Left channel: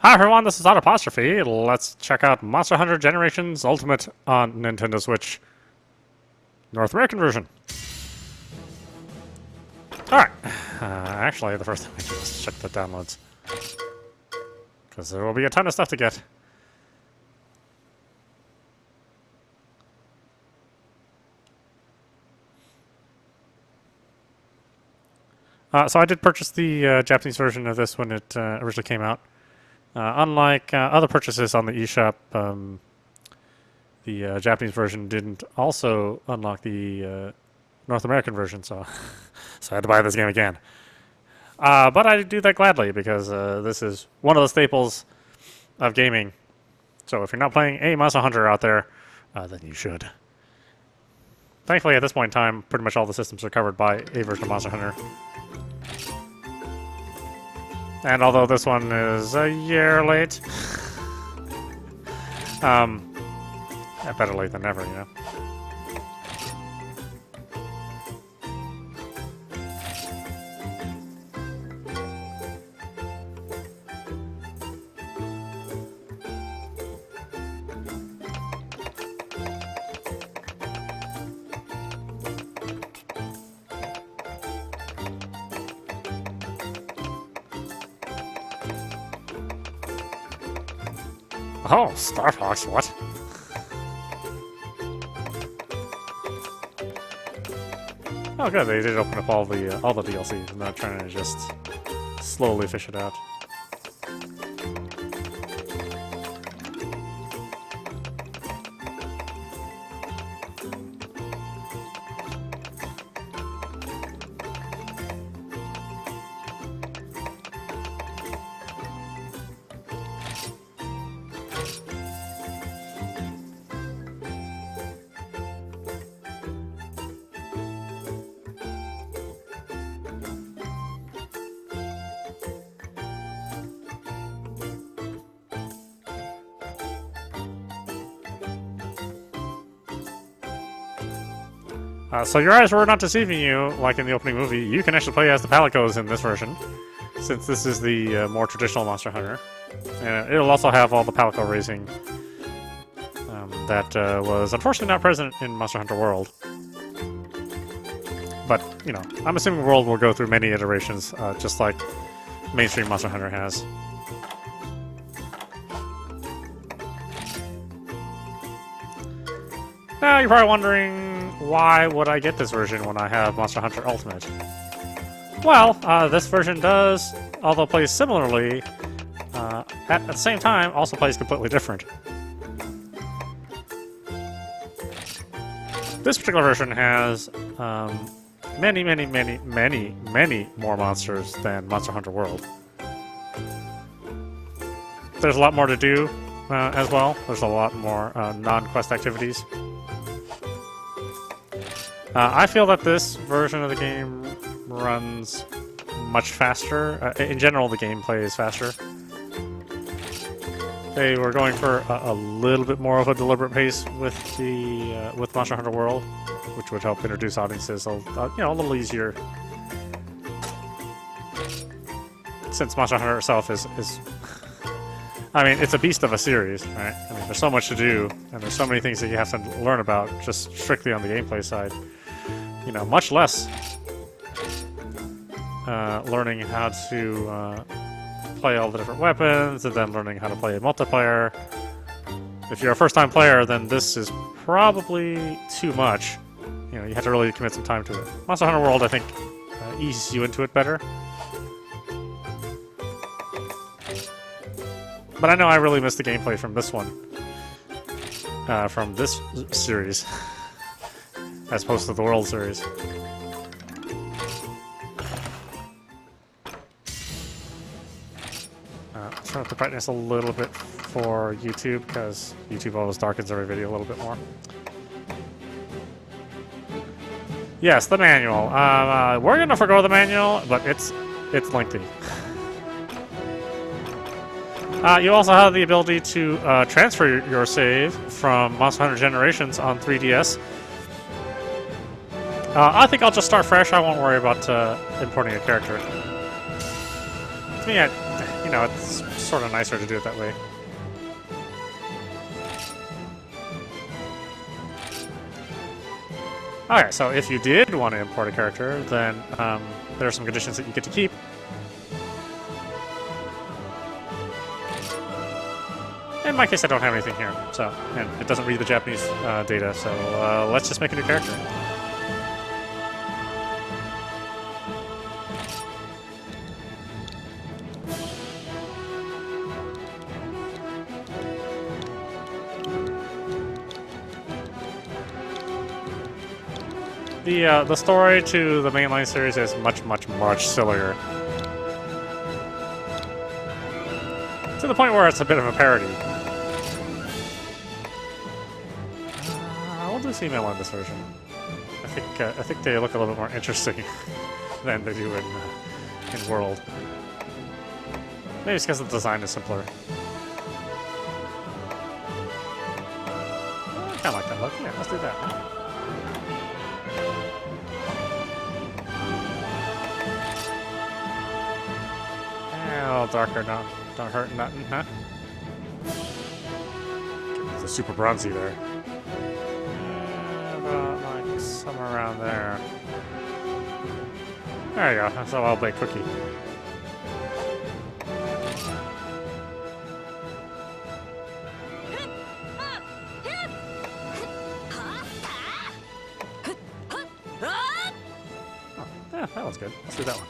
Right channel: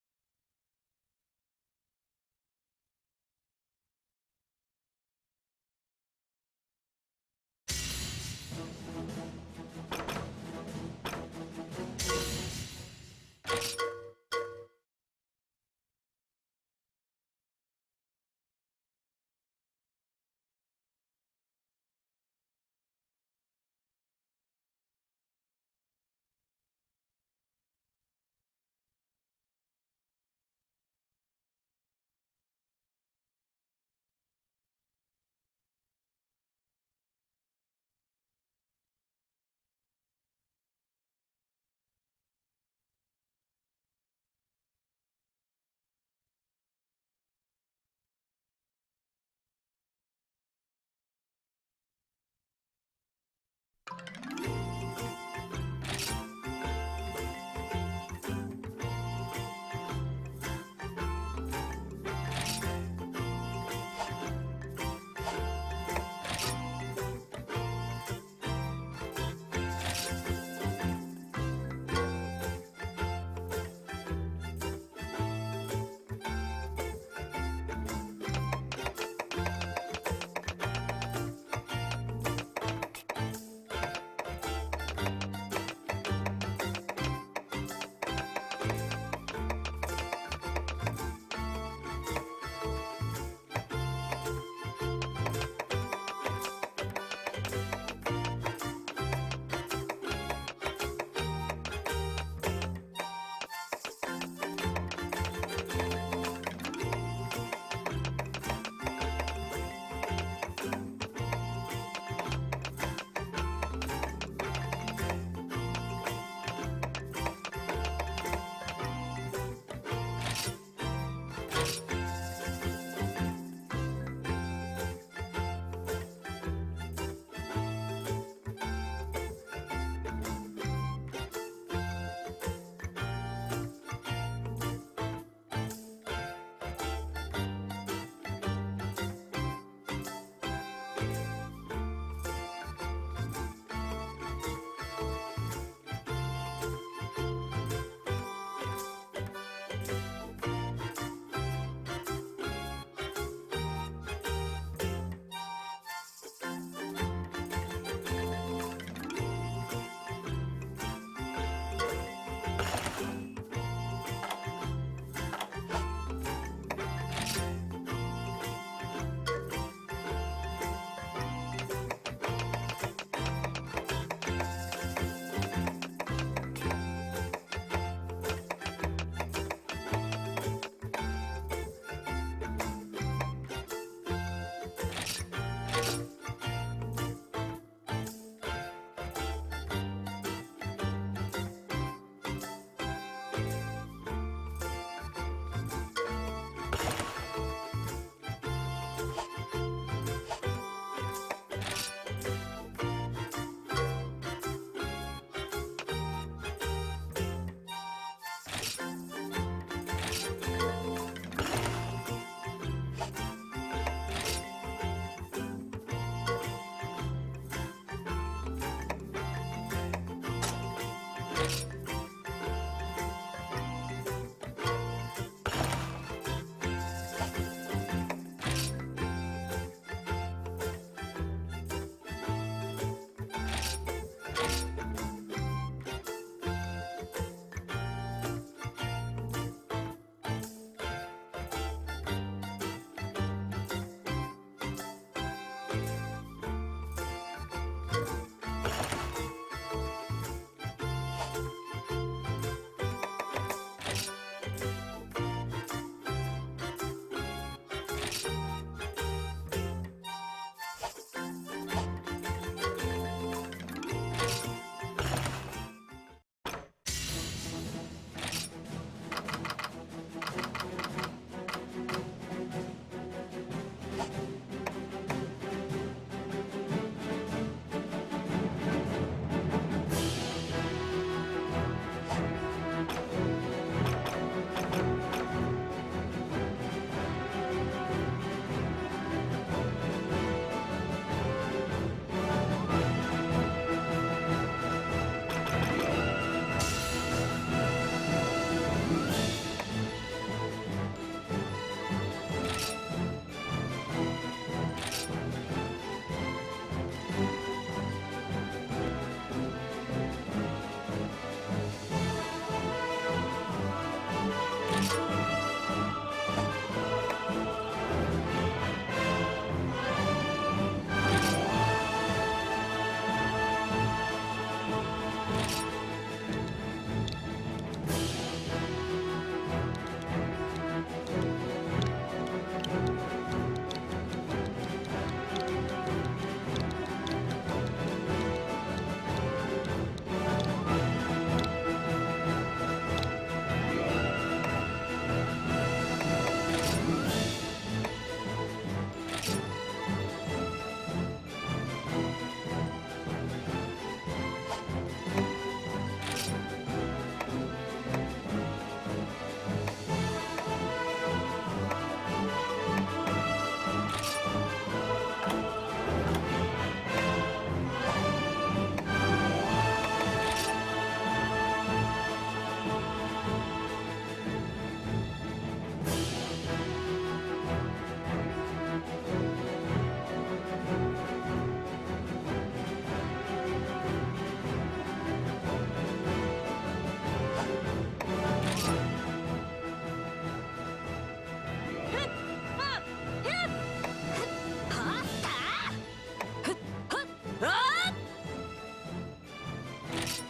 Hi everyone, this is audap. Let's check out Monster Hunter Generations Ultimate on Nintendo Switch North American version. Alright, actually the first thing I do is check the downloads, because there will be a ton of stuff to get. So I did purchase the Japanese version of this when it originally came out. Unlike other purchases on the eShop, the Japanese version didn't also unlock the North American version, so so I had to buy this game again. But I do that gladly because this is one of the staples of gaming. So if you're not playing a Monster Hunter out there, then you should. Thankfully, at this point in time, pretty much all the systems are covered by a version of Monster Hunter. And although this one is a year late, better late than never, you know. Oh, Star Fox, what? Oh good, they did open up all the DLCs. I'm not trying to just slowly fish it out. So your eyes were not deceiving you, like in the opening movie. You can actually play as the Palicos in this version, since this is the more traditional Monster Hunter. And it'll also have all the Palico racing that was unfortunately not present in Monster Hunter World. But, you know, I'm assuming World will go through many iterations, just like mainstream Monster Hunter has. Now you're probably wondering, why would I get this version when I have Monster Hunter Ultimate? Well, this version does, although plays similarly, at the same time also plays completely different. This particular version has many more monsters than Monster Hunter World. There's a lot more to do as well. There's a lot more non-quest activities. I feel that this version of the game runs much faster. In general, the gameplay is faster. They were going for a little bit more of a deliberate pace with the with Monster Hunter World, which would help introduce audiences, you know, a little easier. Since Monster Hunter itself is I mean, it's a beast of a series, right? I mean, there's so much to do, and there's so many things that you have to learn about just strictly on the gameplay side. You know, much less learning how to play all the different weapons, and then learning how to play multiplayer. If you're a first-time player, then this is probably too much. You know, you have to really commit some time to it. Monster Hunter World, I think, eases you into it better. But I know I really missed the gameplay from this one. from this series, as opposed to the World Series. Turn up the brightness a little bit for YouTube, because YouTube always darkens every video a little bit more. Yes, the manual. We're gonna forgo the manual, but it's lengthy. You also have the ability to transfer your save from Monster Hunter Generations on 3DS. I think I'll just start fresh. I won't worry about importing a character. To me, you know, it's sort of nicer to do it that way. Alright, so if you did want to import a character, then there are some conditions that you get to keep. In my case, I don't have anything here, so, and it doesn't read the Japanese data, so let's just make a new character. The story to the mainline series is much sillier. To the point where it's a bit of a parody. We'll do female on this version. I think they look a little more interesting than they do in World. Maybe it's because the design is simpler. I like that look. Yeah, let's do that. Darker, no. Don't hurt nothing, huh? It's super bronzy there. Like somewhere around there. There you go. That's a well-baked cookie. Oh, yeah, that one's good. Let's do that one.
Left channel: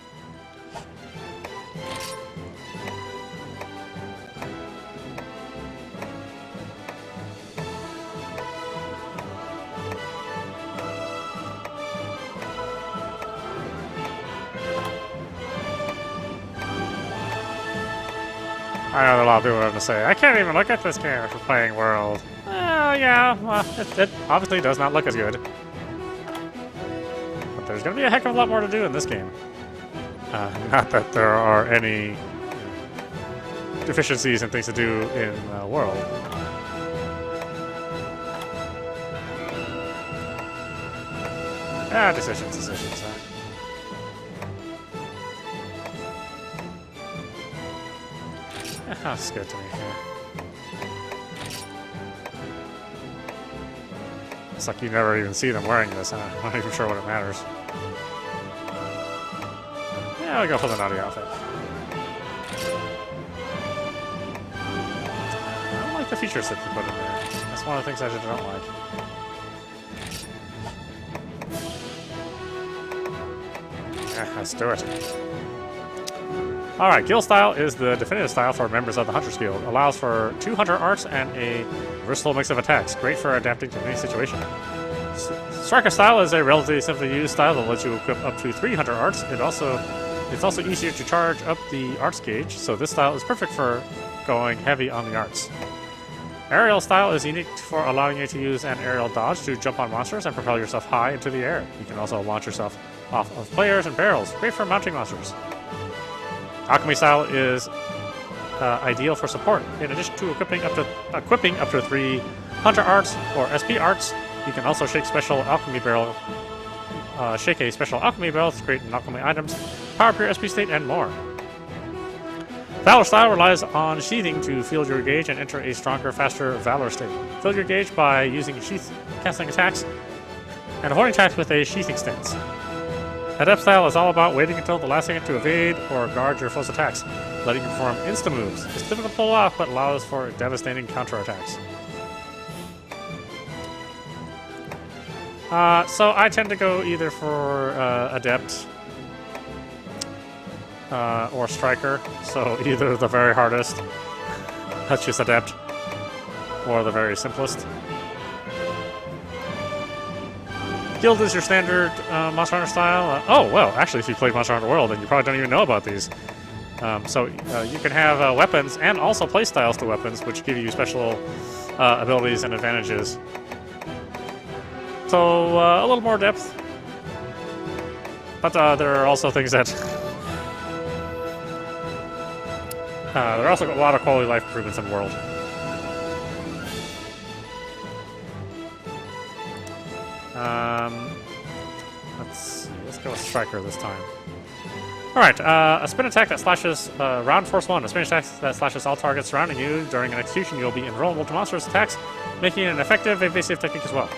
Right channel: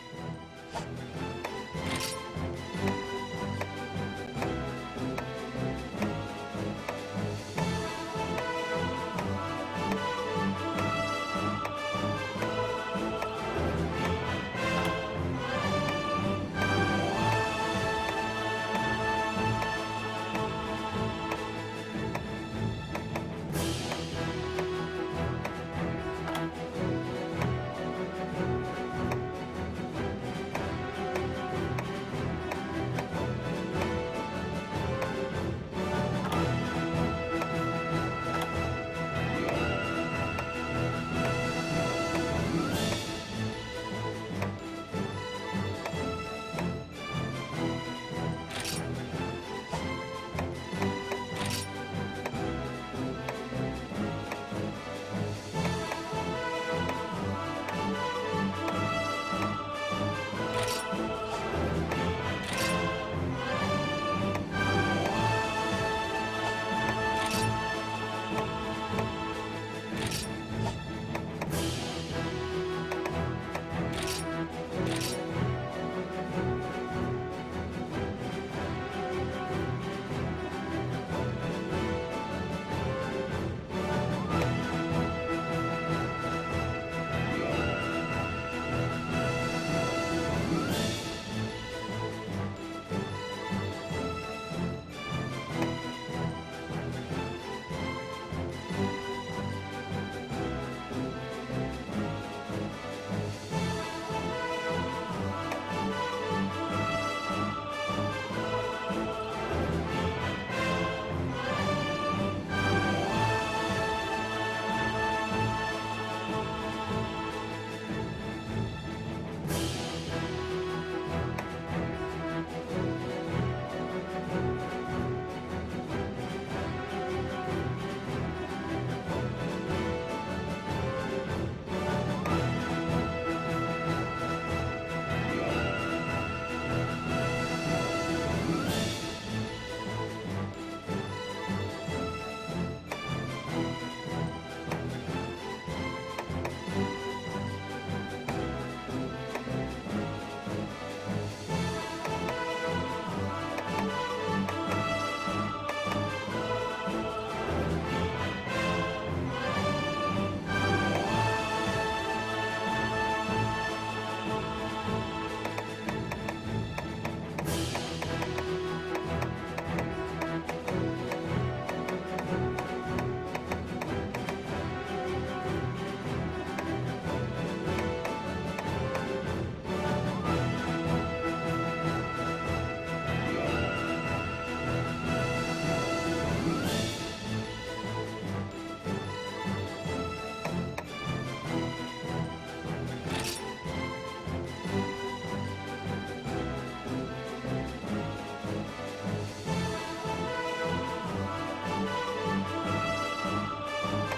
I know a lot of people have to say, I can't even look at this game after playing World. Yeah, well, it obviously does not look as good. But there's going to be a heck of a lot more to do in this game. Not that there are any deficiencies and things to do in World. Decisions. That's good to me. It's like you never even see them wearing this. I'm not even sure what it matters. Yeah, we'll go for the naughty outfit. I don't like the features that they put in there. That's one of the things I just don't like. Yeah, let's do it. Alright, Guild Style is the definitive style for members of the Hunter's Guild. Allows for 2 Hunter arts and a versatile mix of attacks. Great for adapting to any situation. Striker Style is a relatively simply used style that lets you equip up to 3 Hunter arts. It's also easier to charge up the arts gauge, so this style is perfect for going heavy on the arts. Aerial Style is unique for allowing you to use an aerial dodge to jump on monsters and propel yourself high into the air. You can also launch yourself off of players and barrels. Great for mounting monsters. Alchemy Style is ideal for support. In addition to equipping up to 3 Hunter Arts or SP Arts, you can also shake a special alchemy barrel to create alchemy items, power up your SP state, and more. Valor Style relies on sheathing to fill your gauge and enter a stronger, faster Valor state. Fill your gauge by using sheath casting attacks and avoiding attacks with a sheathing stance. Adept Style is all about waiting until the last second to evade or guard your foe's attacks, letting you perform insta-moves. It's difficult to pull off, but allows for devastating counterattacks. So I tend to go either for Adept or Striker, so either the very hardest, that's just Adept, for the very simplest. Guild is your standard Monster Hunter style. Oh, well, actually, if you played Monster Hunter World, then you probably don't even know about these. So you can have weapons and also playstyles to weapons, which give you special abilities and advantages. So a little more depth. But there are also things that... there are also a lot of quality of life improvements in the world. Let's go with Striker this time. Alright, a spin attack that slashes round force 1. A spin attack that slashes all targets surrounding you. During an execution, you'll be invulnerable to monstrous attacks, making it an effective evasive technique as well.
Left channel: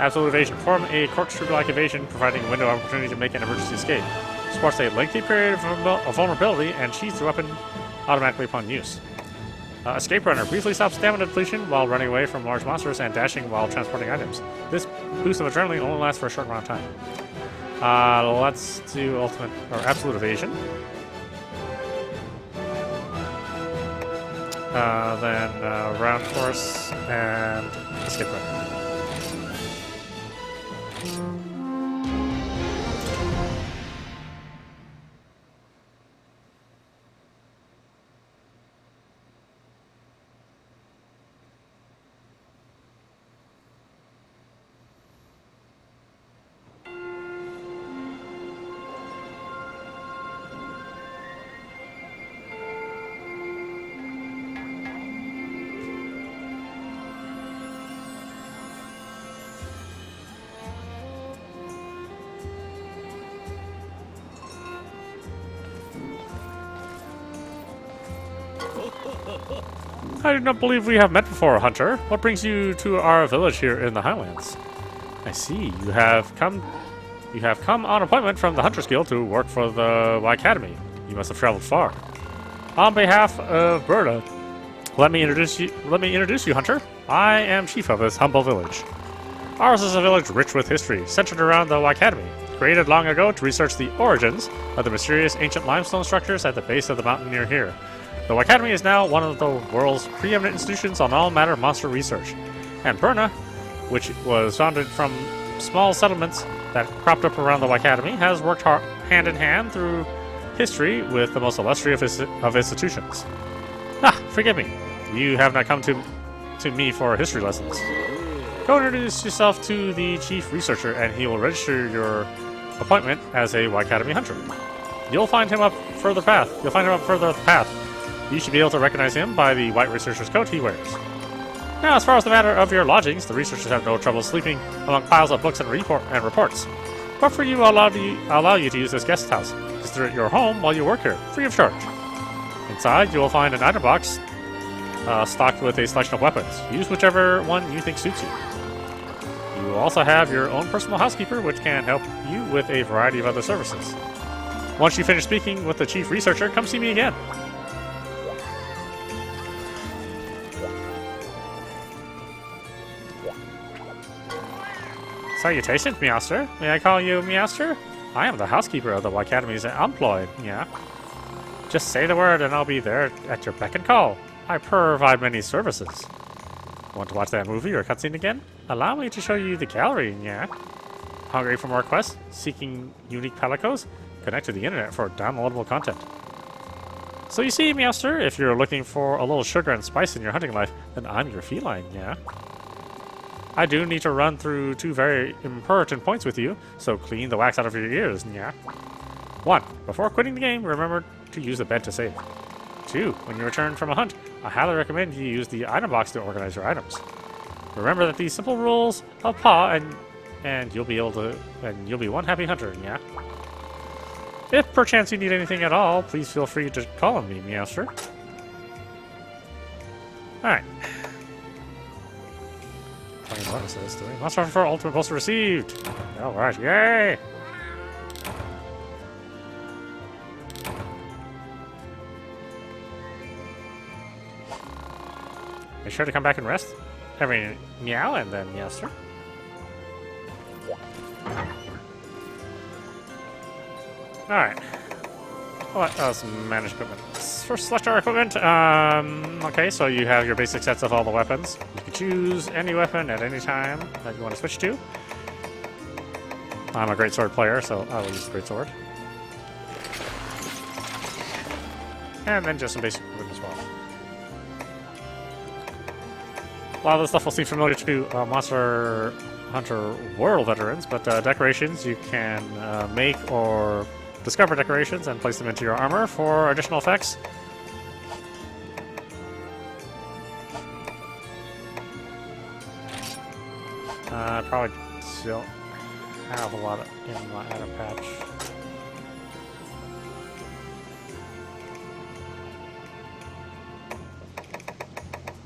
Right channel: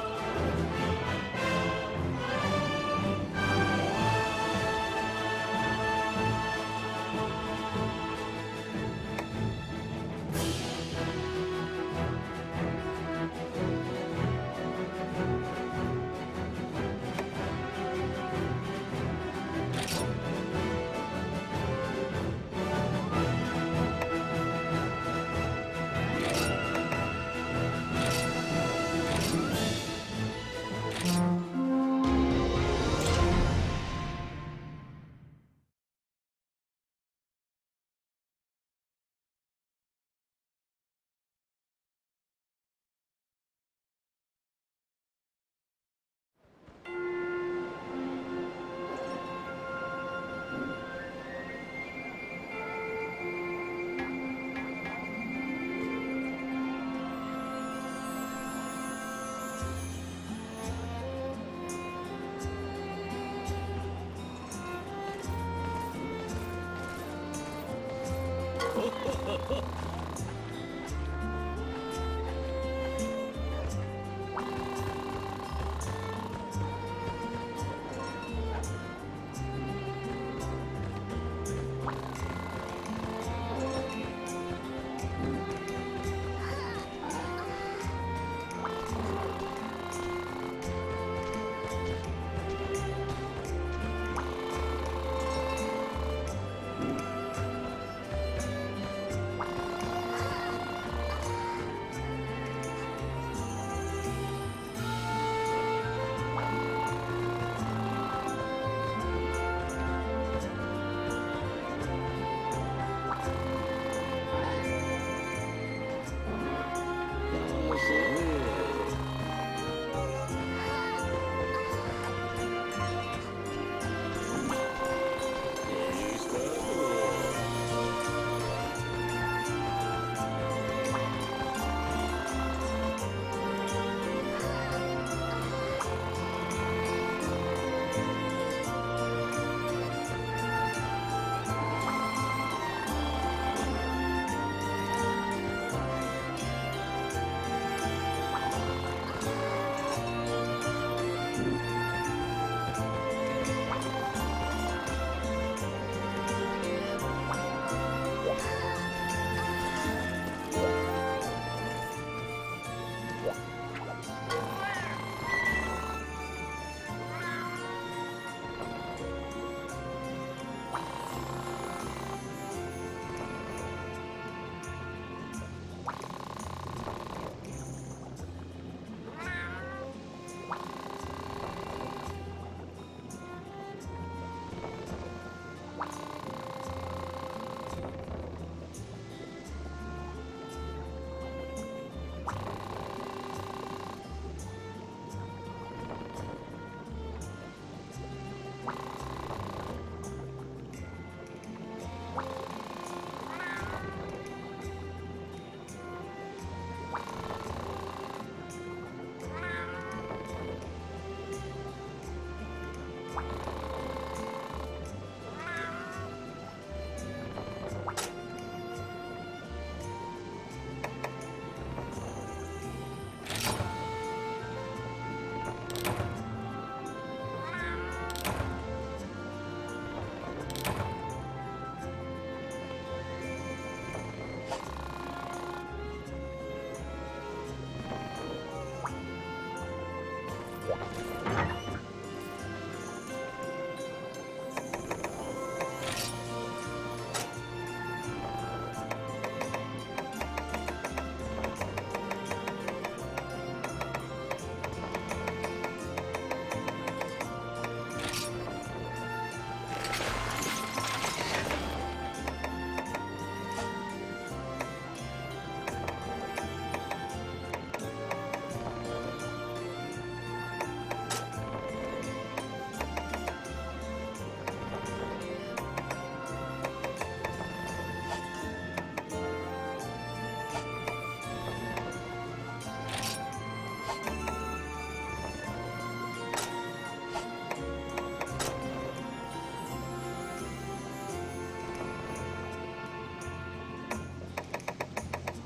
Absolute evasion. Perform a corkscrew-like evasion, providing a window of opportunity to make an emergency escape. Supports a lengthy period of vulnerability and sheathes the weapon automatically upon use. Escape Runner briefly stops stamina depletion while running away from large monsters and dashing while transporting items. This boost of adrenaline only lasts for a short amount of time. Let's do ultimate or absolute evasion. Then round force and escape runner. I do not believe we have met before, Hunter. What brings you to our village here in the Highlands? I see. You have come on appointment from the Hunters Guild to work for the Y Academy. You must have traveled far. On behalf of Berta, let me introduce you, Hunter. I am chief of this humble village. Ours is a village rich with history, centered around the Y Academy, created long ago to research the origins of the mysterious ancient limestone structures at the base of the mountain near here. The Y Academy is now one of the world's preeminent institutions on all matter monster research. And Berna, which was founded from small settlements that cropped up around the Y Academy, has worked hand in hand through history with the most illustrious of institutions. Forgive me. You have not come to me for history lessons. Go introduce yourself to the chief researcher, and he will register your appointment as a Y Academy hunter. You'll find him up further path. You should be able to recognize him by the white researcher's coat he wears. Now, as far as the matter of your lodgings, the researchers have no trouble sleeping among piles of books and reports. But for you, I'll allow you to use this guest house. Consider it your home while you work here, free of charge. Inside, you will find an item box stocked with a selection of weapons. Use whichever one you think suits you. You will also have your own personal housekeeper, which can help you with a variety of other services. Once you finish speaking with the chief researcher, come see me again. Salutations, Meowster. May I call you Meowster? I am the housekeeper of the Y Academy's employ, yeah. Just say the word and I'll be there at your beck and call. I provide many services. Want to watch that movie or cutscene again? Allow me to show you the gallery, yeah. Hungry for more quests? Seeking unique pelicos? Connect to the internet for downloadable content. So you see, Meowster, if you're looking for a little sugar and spice in your hunting life, then I'm your feline, yeah. I do need to run through two very important points with you, so clean the wax out of your ears, yeah. 1. Before quitting the game, remember to use the bed to save. 2. When you return from a hunt, I highly recommend you use the item box to organize your items. Remember that these simple rules apply, and you'll be one happy hunter, yeah. If perchance you need anything at all, please feel free to call on me, Meowster. Alright. What is this doing? Monster Hunter 4 Ultimate Poster received! Alright, yay! Make sure to come back and rest. I mean, meow and then Meowster. Alright. What else? Manage equipment. for select our equipment. Okay, so you have your basic sets of all the weapons. You can choose any weapon at any time that you want to switch to. I'm a great sword player, so I will use a great sword. And then just some basic equipment as well. A lot of this stuff will seem familiar to Monster Hunter World veterans, but decorations, you can make or discover decorations and place them into your armor for additional effects. Probably still have a lot of in my item patch.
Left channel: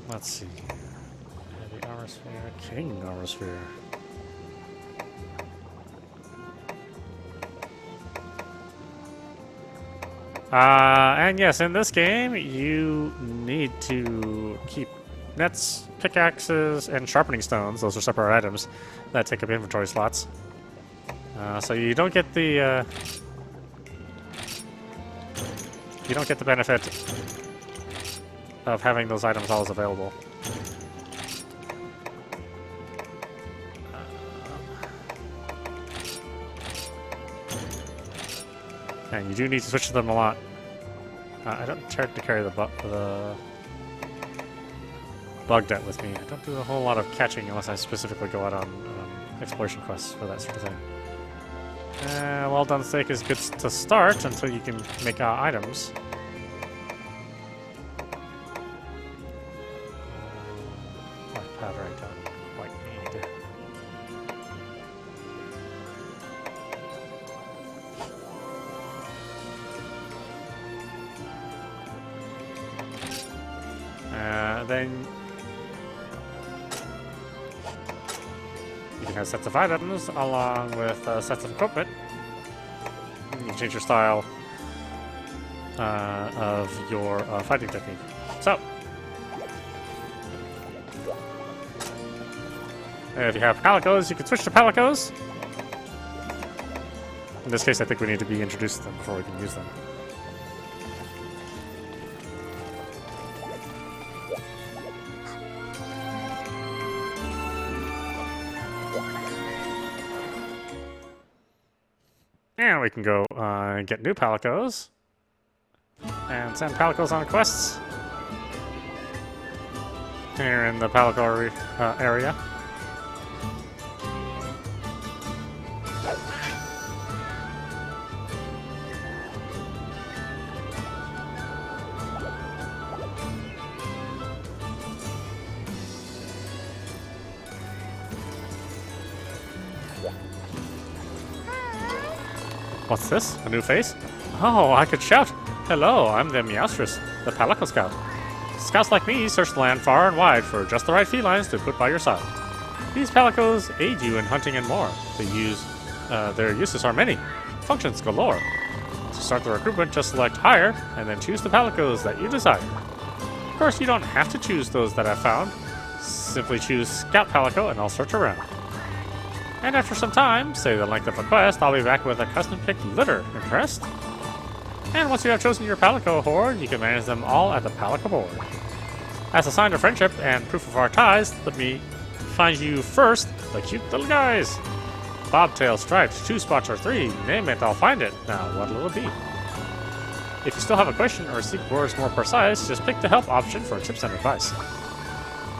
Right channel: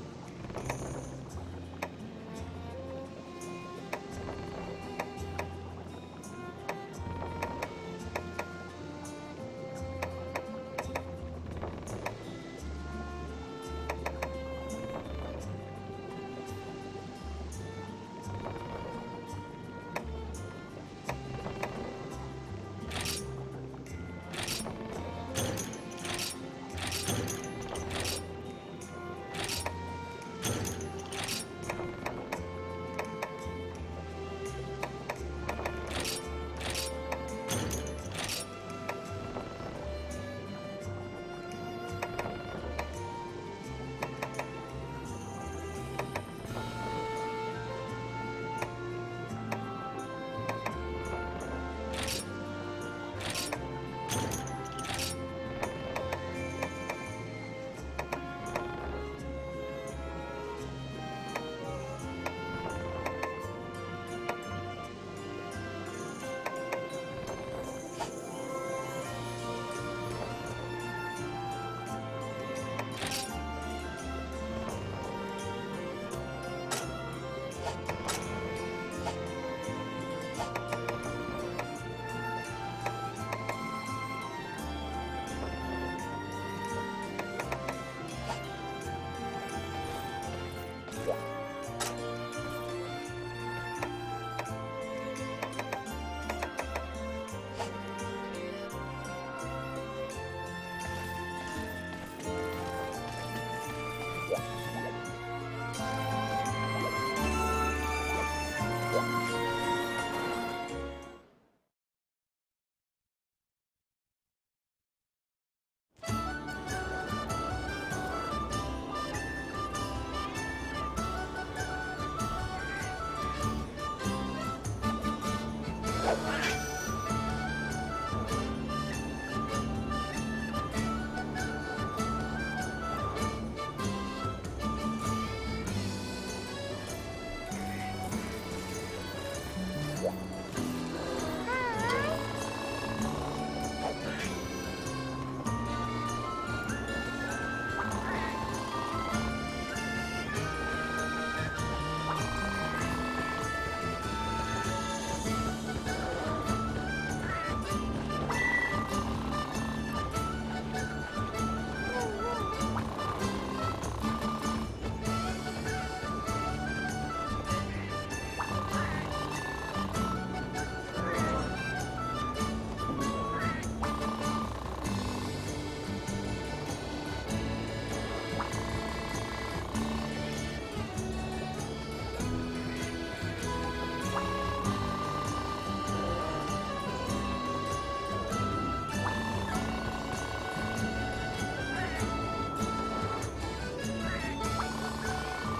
Let's see. Armor sphere, King armor sphere. And yes, in this game, you need to keep nets, pickaxes, and sharpening stones. Those are separate items that take up inventory slots. So you don't get the benefit of having those items always available. And you do need to switch to them a lot. I don't try to carry the bug net with me. I don't do a whole lot of catching unless I specifically go out on exploration quests for that sort of thing. Well done steak is good to start until you can make items. Then you have sets of items along with sets of equipment. You change your style of your fighting technique. So, if you have palicos, you can switch to palicos. In this case, I think we need to be introduced to them before we can use them. And we can go and get new palicos and send palicos on quests here in the palico area. What's this? A new face? Oh, I could shout. Hello, I'm the Meowstress, the Palico Scout. Scouts like me search the land far and wide for just the right felines to put by your side. These palicos aid you in hunting and more. Their uses are many. Functions galore. To start the recruitment, just select hire, and then choose the palicos that you desire. Of course, you don't have to choose those that I've found. Simply choose Scout Palico and I'll search around. And after some time, say the length of the quest, I'll be back with a custom-picked litter. Interest? And once you have chosen your Palico horde, you can manage them all at the Palico board. As a sign of friendship and proof of our ties, let me find you first, the cute little guys. Bobtail, stripes, 2 spots or 3. Name it, I'll find it. Now, what will it be? If you still have a question or seek words more precise, just pick the help option for tips and advice.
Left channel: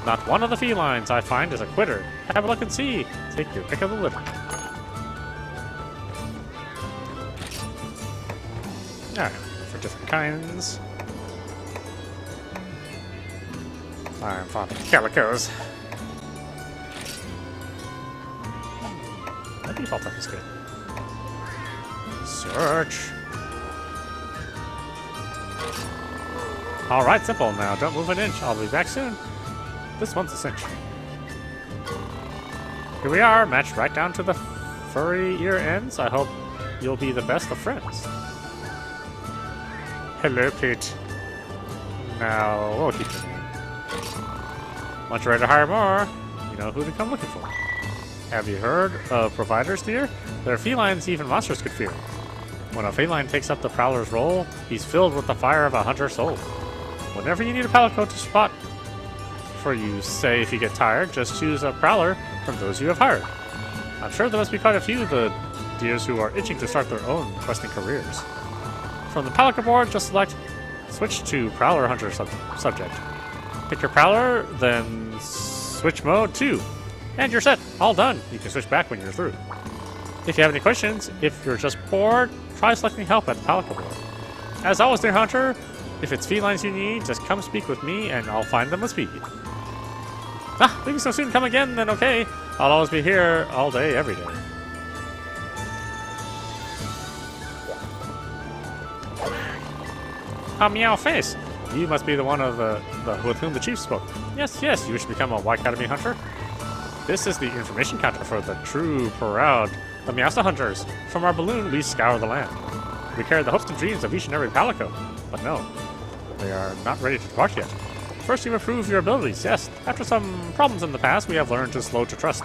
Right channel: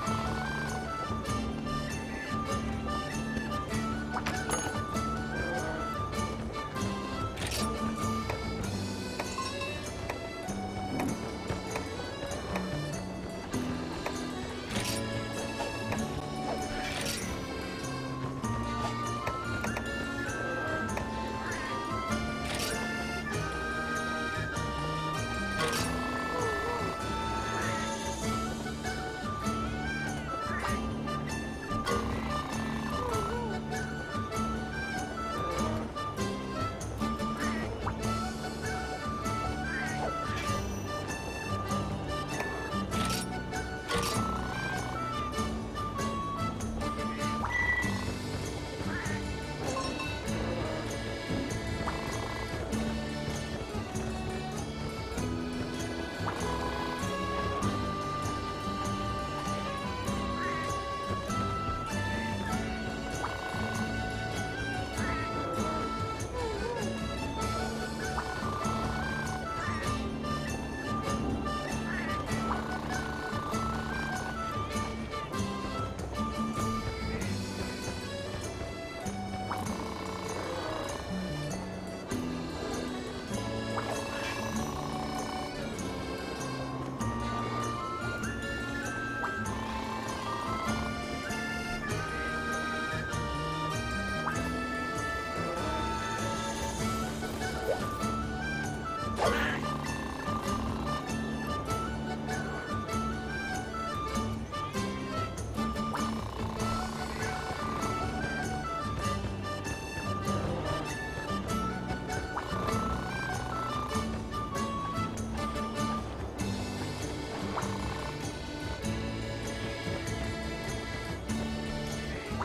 Not one of the felines I find is a quitter. Have a look and see. Take your pick of the litter. Alright, for different kinds. I'm popping calicos. The default type is good. Search. Alright, simple. Now don't move an inch. I'll be back soon. This one's a cinch. Here we are, matched right down to the furry ear ends. I hope you'll be the best of friends. Hello, Pete. Now, once you're ready to hire more, you know who to come looking for. Have you heard of providers here? They're felines even monsters could fear. When a Felyne takes up the Prowler's role, he's filled with the fire of a hunter's soul. Whenever you need a Palico to spot for you, say if you get tired, just choose a Prowler from those you have hired. I'm sure there must be quite a few of the deers who are itching to start their own questing careers. From the Pelican board, just switch to Prowler Hunter subject. Pick your Prowler, then switch mode 2. And you're set. All done. You can switch back when you're through. If you have any questions, if you're just bored, try selecting help at the Pelican board. As always, dear Hunter, if it's felines you need, just come speak with me and I'll find them and speak. Ah, we can so soon come again, then okay. I'll always be here all day, every day. A meow face. You must be the one with whom the chief spoke. Yes, yes, you wish to become a Y Academy hunter? This is the information counter for the true proud Miasa hunters. From our balloon, we scour the land. We carry the hopes and dreams of each and every Palico. But no, they are not ready to depart yet. First, you improve your abilities, yes. After some problems in the past, we have learned to slow to trust.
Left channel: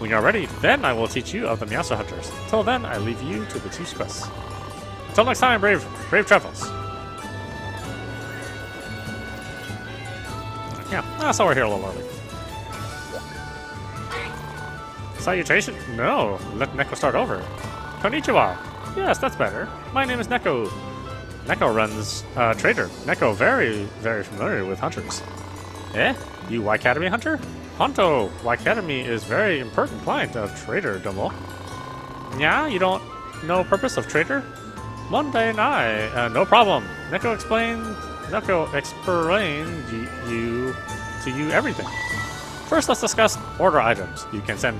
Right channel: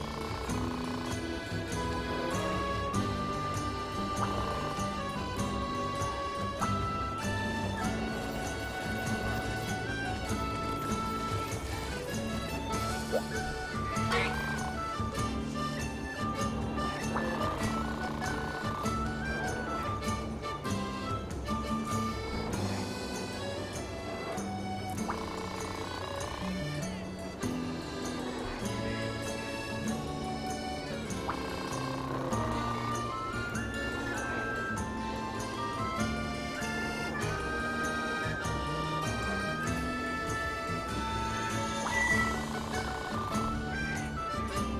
When you are ready, then I will teach you of the Miasa hunters. Till then, I leave you to the chief's quest. Until next time, brave travels. Yeah, so we're here a little early. Salutation? No, let Neko start over. Konnichiwa. Yes, that's better. My name is Neko. Neko runs Trader. Neko very, very familiar with hunters. Eh? You Y Academy hunter? Honto, Y Academy is very important client of Trader Domo. Yeah, you don't know purpose of Trader? Monday night. No problem. Neko explained to you everything. First, let's discuss order items. You can send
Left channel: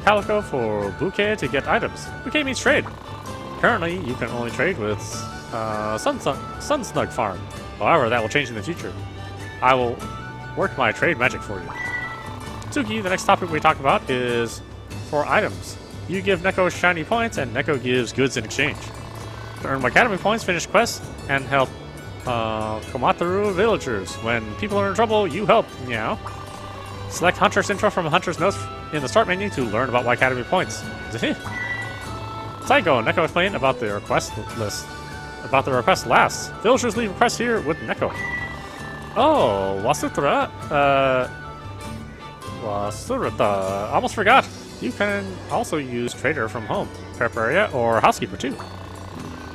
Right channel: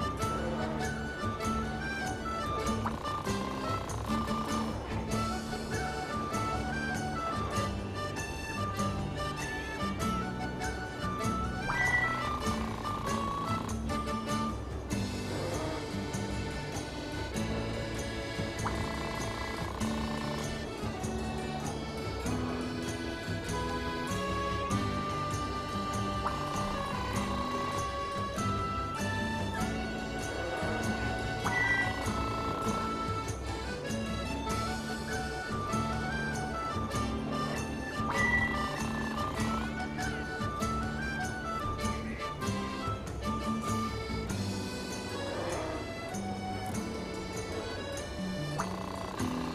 Palico for Bouquet to get items. Bouquet means trade. Currently, you can only trade with Sunsnug Farm. However, that will change in the future. I will work my trade magic for you. Tsuki, the next topic we talk about is for items. You give Neko shiny points, and Neko gives goods in exchange. To earn Academy points, finish quests, and help Komatsu villagers. When people are in trouble, you help. Meow. Select Hunter's intro from Hunter's notes in the start menu to learn about Y Academy points. Psycho, Neko explained about the request list. About the request last. Villagers leave requests here with Neko. Oh, Wasutra. Wasuruta. Almost forgot. You can also use Trader from home, prep area, or housekeeper too.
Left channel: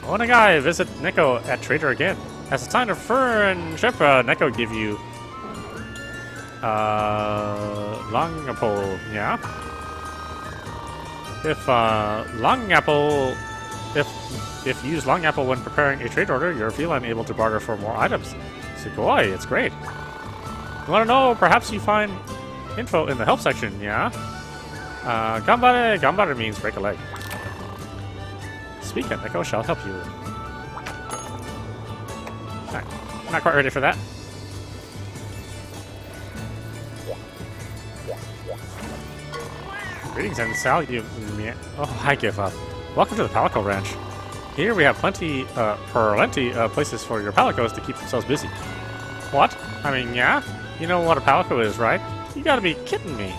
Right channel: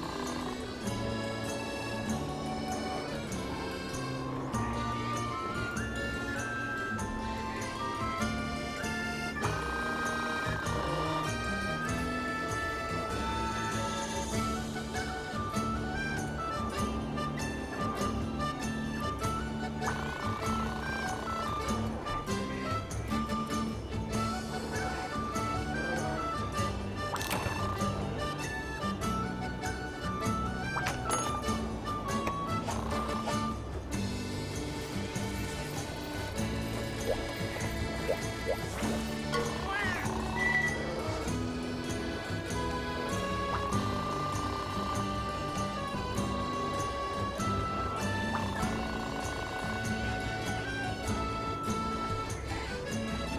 Onagai, visit Neko at Trader again. As a sign of friendship, Neko give you long apple, yeah? If you use long apple when preparing a trade order, you're feline able to barter for more items. Sugoi, it's great. You want to know? Perhaps you find info in the help section, yeah? Gambare, gambare means break a leg. Speak, Neko shall help you. Not quite ready for that. Greetings and salute. Oh, I give up. Welcome to the Palico Ranch. Here we have plenty of places for your Palicos to keep themselves busy. What? I mean, yeah? You know what a Palico is, right? You gotta be kidding me.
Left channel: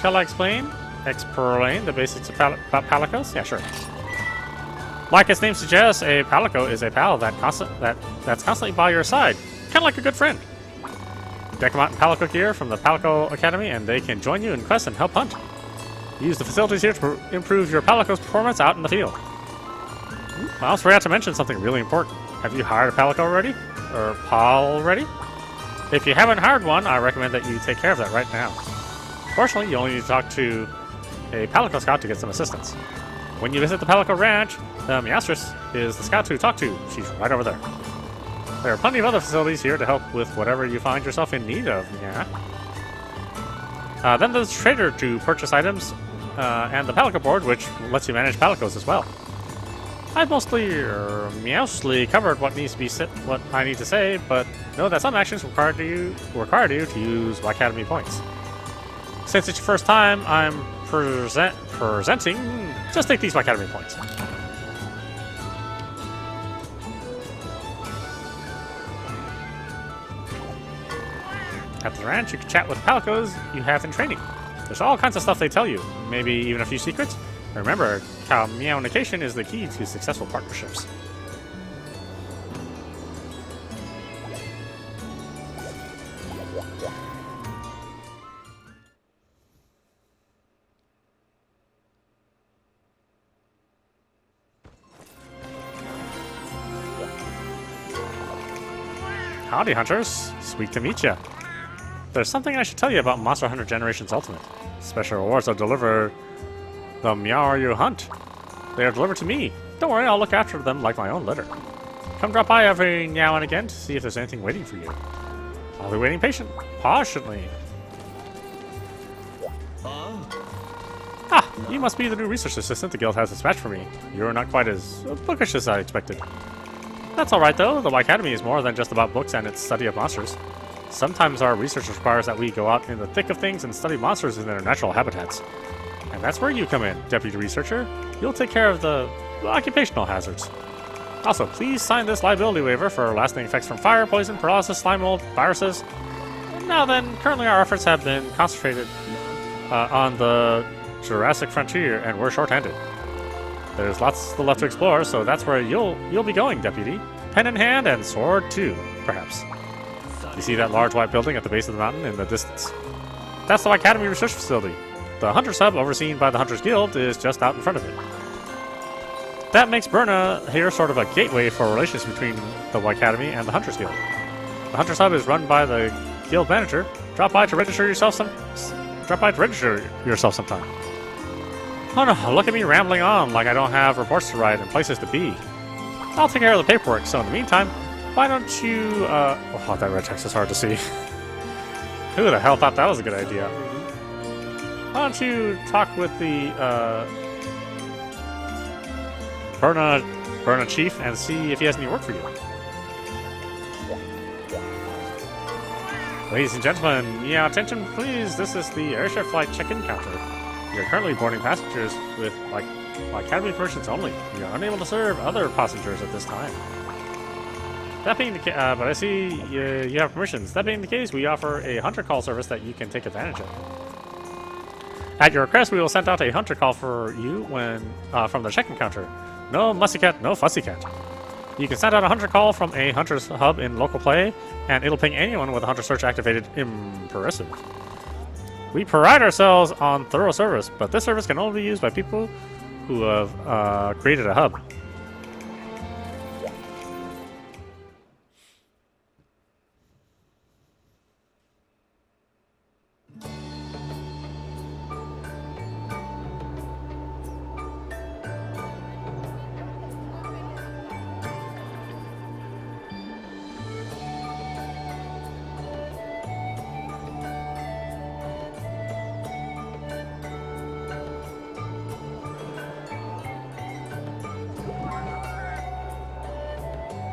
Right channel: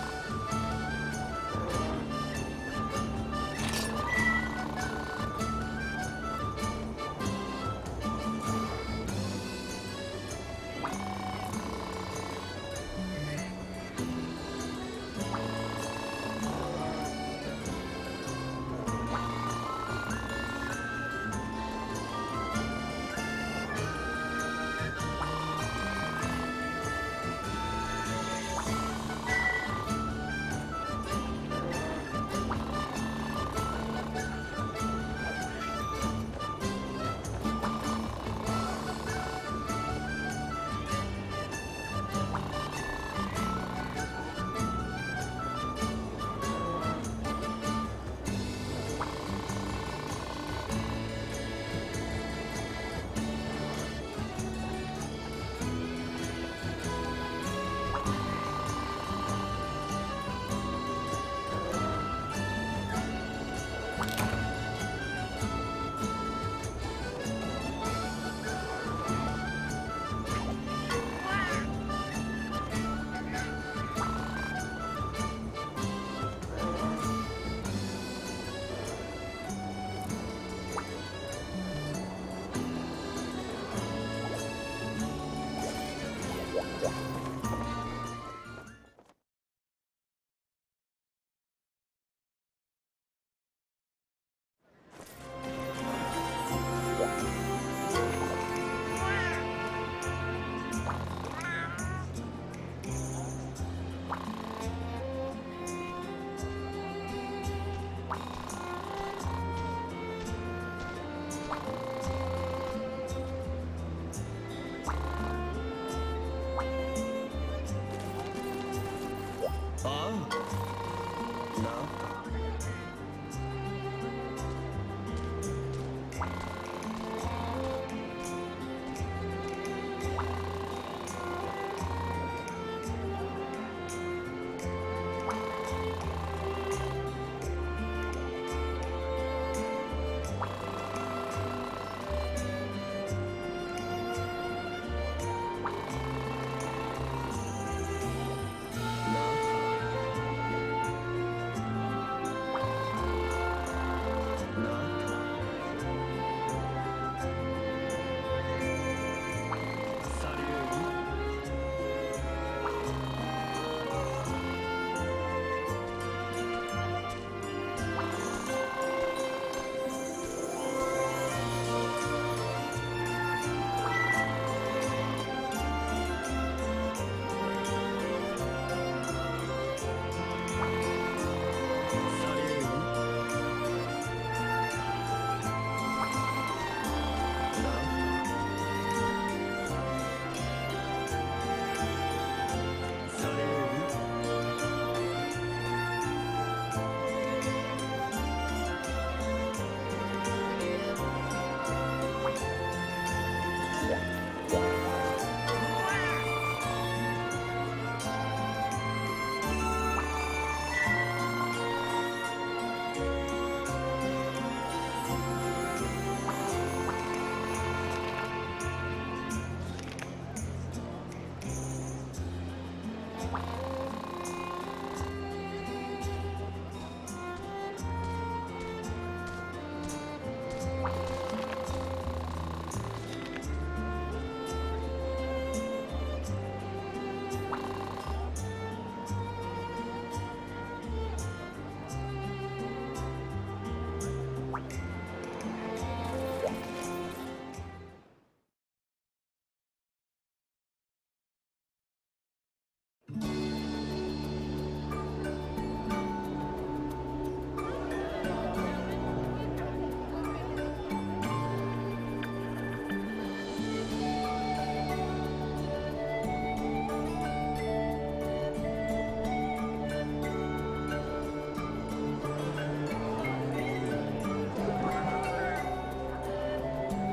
Shall I explain? Explain the basics of Palicos? Yeah, sure. Like its name suggests, a Palico is a pal that's constantly by your side, kind of like a good friend. Deck them out in Palico gear from the Palico Academy, and they can join you in quests and help hunt. Use the facilities here to improve your Palico's performance out in the field. I almost forgot to mention something really important. Have you hired a Palico already? Or Pal already? If you haven't hired one, I recommend that you take care of that right now. Fortunately, you only need to talk to a Palico scout to get some assistance. When you visit the Palico Ranch, the Miastress is the scout to talk to. She's right over there. There are plenty of other facilities here to help with whatever you find yourself in need of. Yeah. Then there's the Trader to purchase items, and the Palico board, which lets you manage Palicos as well. I've mostly covered what needs to be what I need to say, but know that some actions require you to use Y Academy points. Since it's your first time, I'm presenting. Just take these Y Academy points. At the ranch, you can chat with Palicos you have in training. There's all kinds of stuff they tell you. Maybe even a few secrets. Remember, communication is the key to successful partnerships. Howdy, hunters. Sweet to meet ya. There's something I should tell you about Monster Hunter Generations Ultimate. Special rewards are delivered the meow you hunt. They are delivered to me. Don't worry, I'll look after them like my own litter. Come drop by every now and again to see if there's anything waiting for you. I'll be waiting patiently. Ah, you must be the new research assistant the guild has dispatched for me. You're not quite as bookish as I expected. That's alright though, the Academy is more than just about books and its study of monsters. Sometimes our research requires that we go out in the thick of things and study monsters in their natural habitats. And that's where you come in, Deputy Researcher. You'll take care of the occupational hazards. Also, please sign this liability waiver for lasting effects from fire, poison, paralysis, slime mold, viruses. Now then, currently our efforts have been concentrated on the Jurassic frontier, and we're short-handed. There's lots still left to explore, so that's where you'll be going, Deputy. Pen in hand and sword too, perhaps. You see that large white building at the base of the mountain in the distance? That's the Academy Research Facility. The Hunter's Hub, overseen by the Hunters Guild, is just out in front of me. That makes Berna here sort of a gateway for relations between the Academy and the Hunters Guild. The Hunters Hub is run by the Guild Manager. Drop by to register yourself sometime. Oh no, look at me rambling on like I don't have reports to write and places to be. I'll take care of the paperwork, so in the meantime, why don't you, oh, that red text is hard to see. Who the hell thought that was a good idea? Why don't you talk with the, Berna Chief and see if he has any work for you. Ladies and gentlemen, attention please, this is the Airship flight check-in counter. You're currently boarding passengers with, Academy versions only. You're unable to serve other passengers at this time. That being the case, but I see you have permissions. That being the case, we offer a hunter call service that you can take advantage of. At your request, we will send out a hunter call for you when from the check-in counter. No mussy cat, no fussy cat. You can send out a hunter call from a hunter's hub in local play, and it'll ping anyone with a hunter search activated. Impressive. We pride ourselves on thorough service, but this service can only be used by people who have created a hub.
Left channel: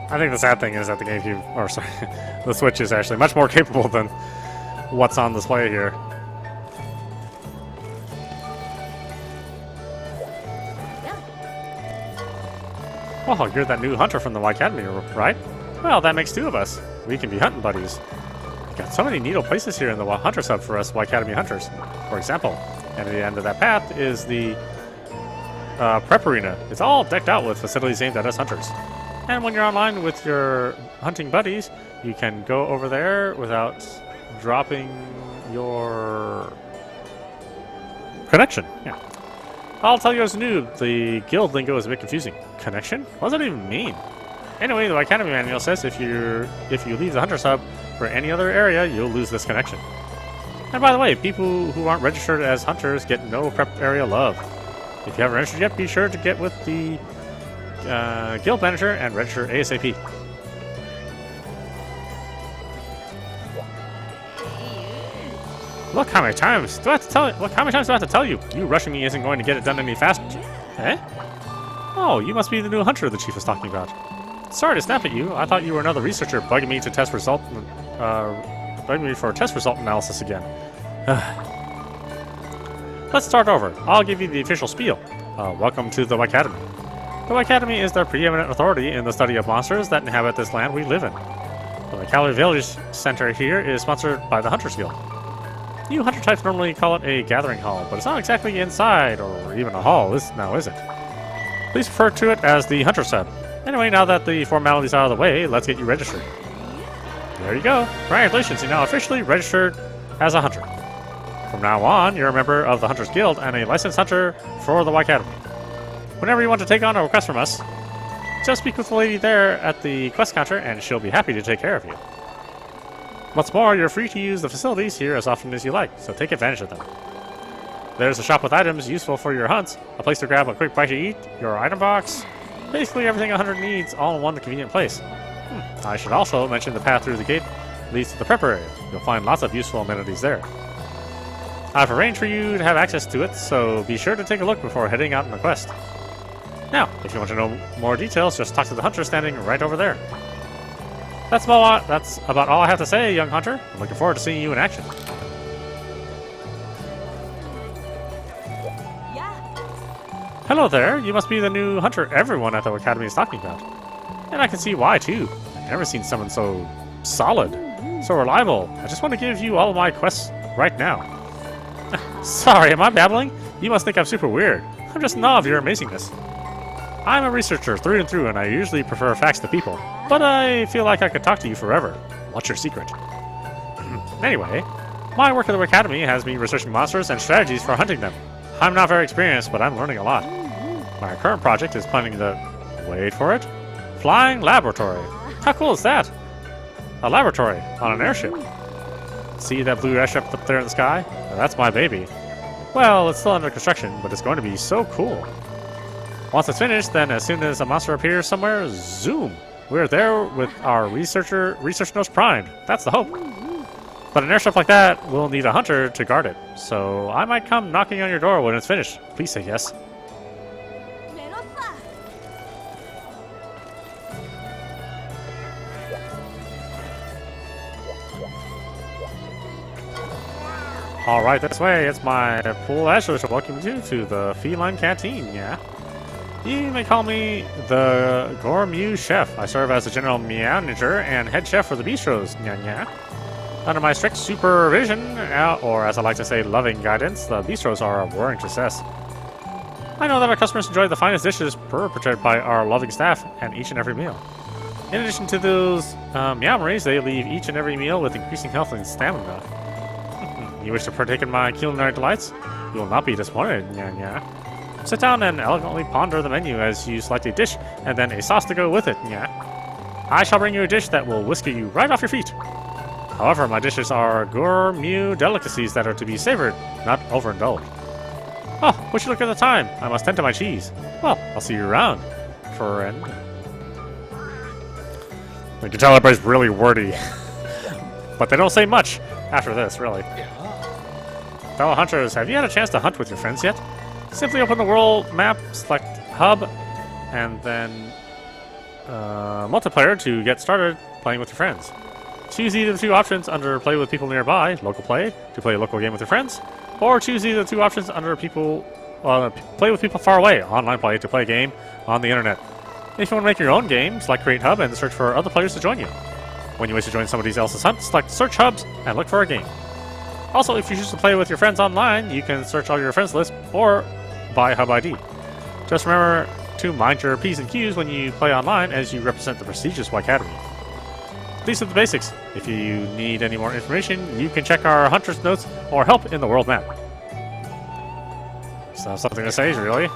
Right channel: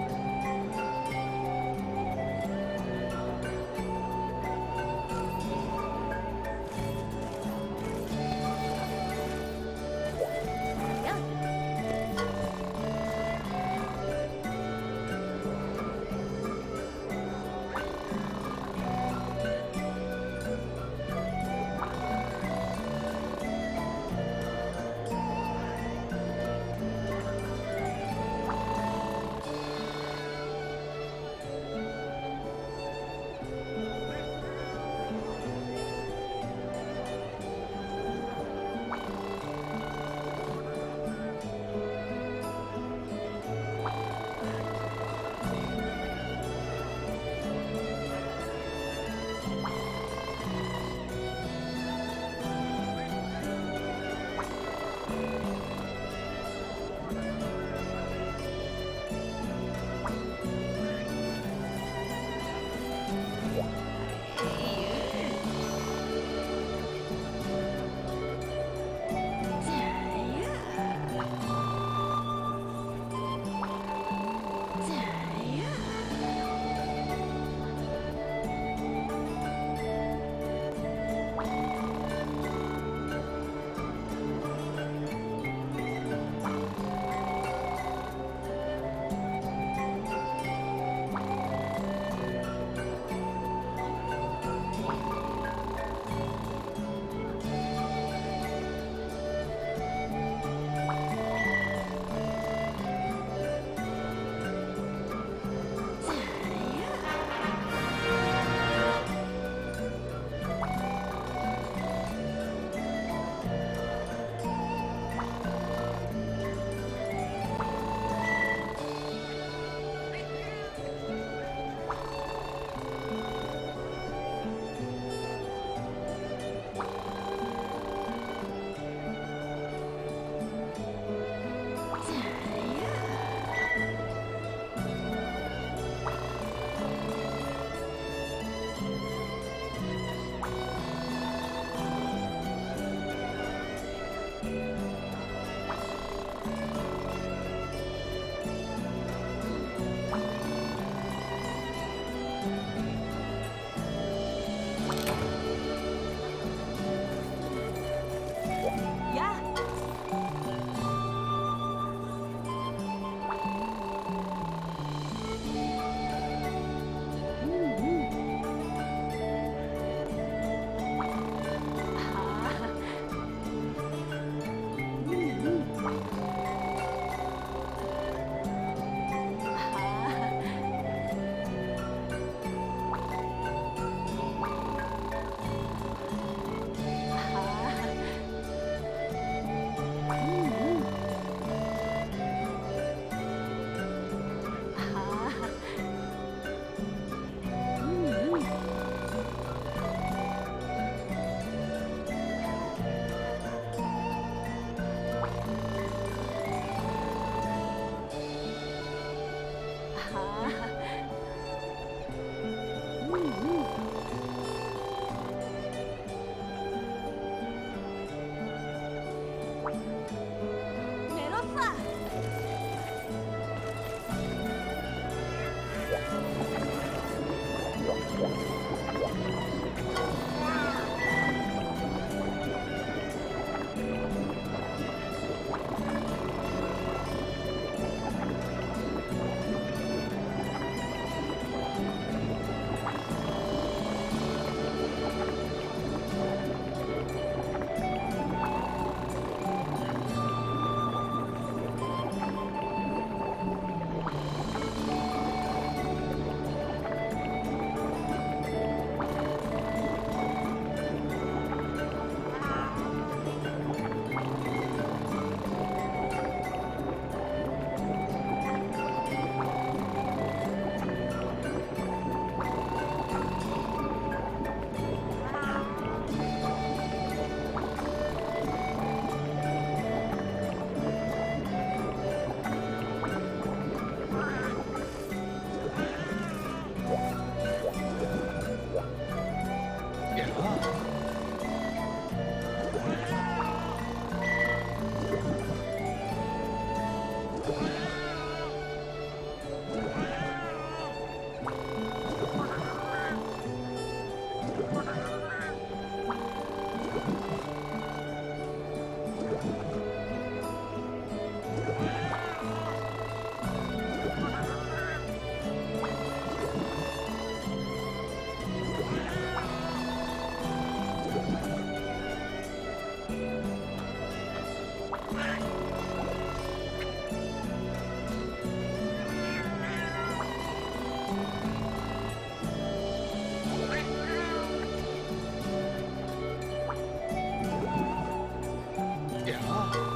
I think the sad thing is that the GameCube, or sorry, the Switch is actually much more capable than what's on display here. Oh, you're that new hunter from the Academy, right? Well, that makes two of us. We can be hunting buddies. Got so many neat places here in the Hunter's Hub for us Academy hunters. For example, at the end of that path is the prep arena. It's all decked out with facilities aimed at us hunters. And when you're online with your hunting buddies, you can go over there without dropping your connection. Yeah. I'll tell you as a noob, the guild lingo is a bit confusing. Connection? What does it even mean? Anyway, the Academy manual says if you leave the Hunter's Hub for any other area, you'll lose this connection. And by the way, people who aren't registered as hunters get no prep area love. If you haven't registered yet, be sure to get with the guild manager and register ASAP. Look how many times do I have to tell you? Look how many times do I have to tell you? You rushing me isn't going to get it done any faster. Eh? Oh, you must be the new hunter the chief was talking about. Sorry to snap at you. I thought you were another researcher bugging me to test result, bugging me for a test result analysis again. Let's start over. I'll give you the official spiel. Welcome to the Academy. The Academy is the preeminent authority in the study of monsters that inhabit this land we live in. The Calorie Village Center here is sponsored by the Hunters Guild. You hunter types normally call it a gathering hall, but it's not exactly inside or even a hall, is it? Please refer to it as the hunter set. Anyway, now that the formalities are out of the way, let's get you registered. There you go. Congratulations, you're now officially registered as a hunter. From now on, you're a member of the Hunters Guild and a licensed hunter for the Y Academy. Whenever you want to take on a request from us, just speak with the lady there at the quest counter and she'll be happy to take care of you. What's more, you're free to use the facilities here as often as you like, so take advantage of them. There's a shop with items useful for your hunts, a place to grab a quick bite to eat, your item box, basically everything a hunter needs all in one convenient place. I should also mention the path through the gate leads to the prep area. You'll find lots of useful amenities there. I've arranged for you to have access to it, so be sure to take a look before heading out on the quest. Now, if you want to know more details, just talk to the hunter standing right over there. That's about all I have to say, young hunter. I'm looking forward to seeing you in action. Yeah. Hello there. You must be the new hunter everyone at the Academy is talking about. And I can see why, too. I've never seen someone so solid, so reliable. I just want to give you all of my quests right now. Sorry, am I babbling? You must think I'm super weird. I'm just in awe of your amazingness. I'm a researcher through and through, and I usually prefer facts to people. But I feel like I could talk to you forever. What's your secret? Anyway, my work at the Academy has me researching monsters and strategies for hunting them. I'm not very experienced, but I'm learning a lot. My current project is planning the... wait for it? Flying laboratory. How cool is that? A laboratory on an airship. See that blue airship up there in the sky? That's my baby. Well, it's still under construction, but it's going to be so cool. Once it's finished, then as soon as a monster appears somewhere, zoom! We're there with our research nose primed. That's the hope. But an airship like that will need a hunter to guard it. So I might come knocking on your door when it's finished. Please say yes. Alright, this way. It's my cool Asher to welcome you to the Felyne Canteen, yeah? You may call me the Gourmet Chef. I serve as the general manager and head chef for the bistros, yeah. Under my strict supervision, or as I like to say, loving guidance, the bistros are a roaring success. I know that our customers enjoy the finest dishes perpetrated by our loving staff and each and every meal. In addition to those meowmeries, they leave each and every meal with increasing health and stamina. You wish to partake in my culinary delights? You will not be disappointed, yeah. Sit down and elegantly ponder the menu as you select a dish and then a sauce to go with it, yeah. I shall bring you a dish that will whisk you right off your feet. However, my dishes are gourmet delicacies that are to be savored, not overindulged. Oh, would you look at the time? I must tend to my cheese. Well, I'll see you around, friend. You can tell everybody's really wordy. But they don't say much after this, really. Fellow hunters, have you had a chance to hunt with your friends yet? Simply open the world map, select hub, and then multiplayer to get started playing with your friends. Choose either of the two options under play with people nearby, local play, to play a local game with your friends, or choose either of the two options under people, play with people far away, online play, to play a game on the internet. If you want to make your own game, select create hub and search for other players to join you. When you wish to join somebody else's hunt, select search hubs and look for a game. Also, if you choose to play with your friends online, you can search all your friends list or buy hub ID. Just remember to mind your P's and Q's when you play online as you represent the prestigious Y Academy. These are the basics. If you need any more information, you can check our hunter's notes or help in the world map. So something to say, really?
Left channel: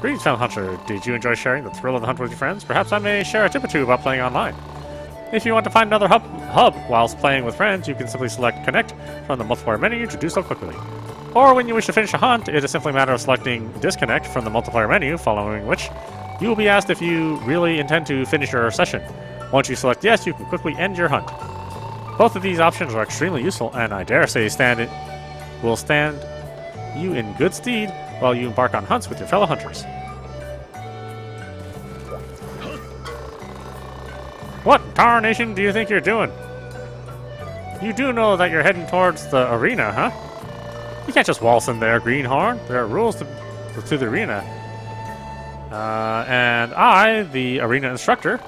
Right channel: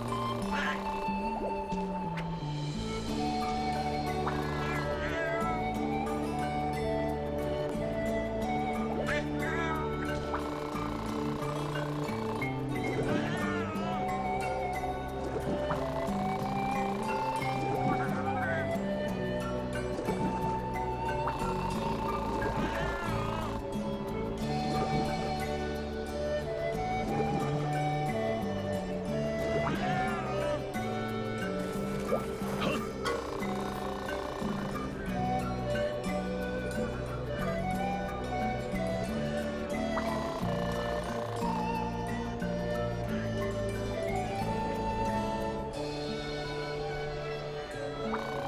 Greetings, fellow hunter. Did you enjoy sharing the thrill of the hunt with your friends? Perhaps I may share a tip or two about playing online. If you want to find another hub whilst playing with friends, you can simply select Connect from the multiplayer menu to do so quickly. Or when you wish to finish a hunt, it is simply a matter of selecting Disconnect from the multiplayer menu, following which you will be asked if you really intend to finish your session. Once you select yes, you can quickly end your hunt. Both of these options are extremely useful, and I dare say will stand you in good stead while you embark on hunts with your fellow hunters. What tarnation do you think you're doing? You do know that you're heading towards the arena, huh? You can't just waltz in there, greenhorn. There are rules to the arena. And I, the arena instructor,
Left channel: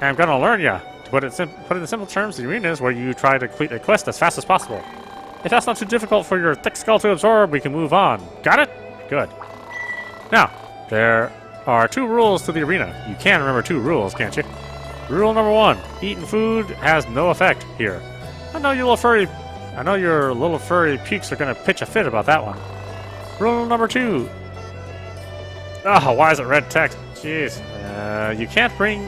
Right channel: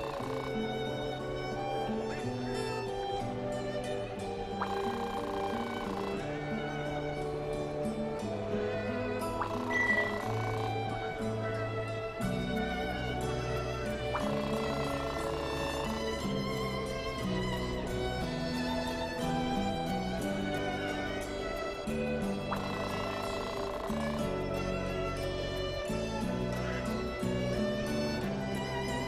am gonna learn ya. To put it in simple terms, the arena is where you try to complete a quest as fast as possible. If that's not too difficult for your thick skull to absorb, we can move on. Got it? Good. Now, there are 2 rules to the arena. You can remember 2 rules, can't you? Rule number 1, eating food has no effect here. I know your little furry peaks are gonna pitch a fit about that one. Rule number 2. Oh, why is it red text? Jeez. You can't bring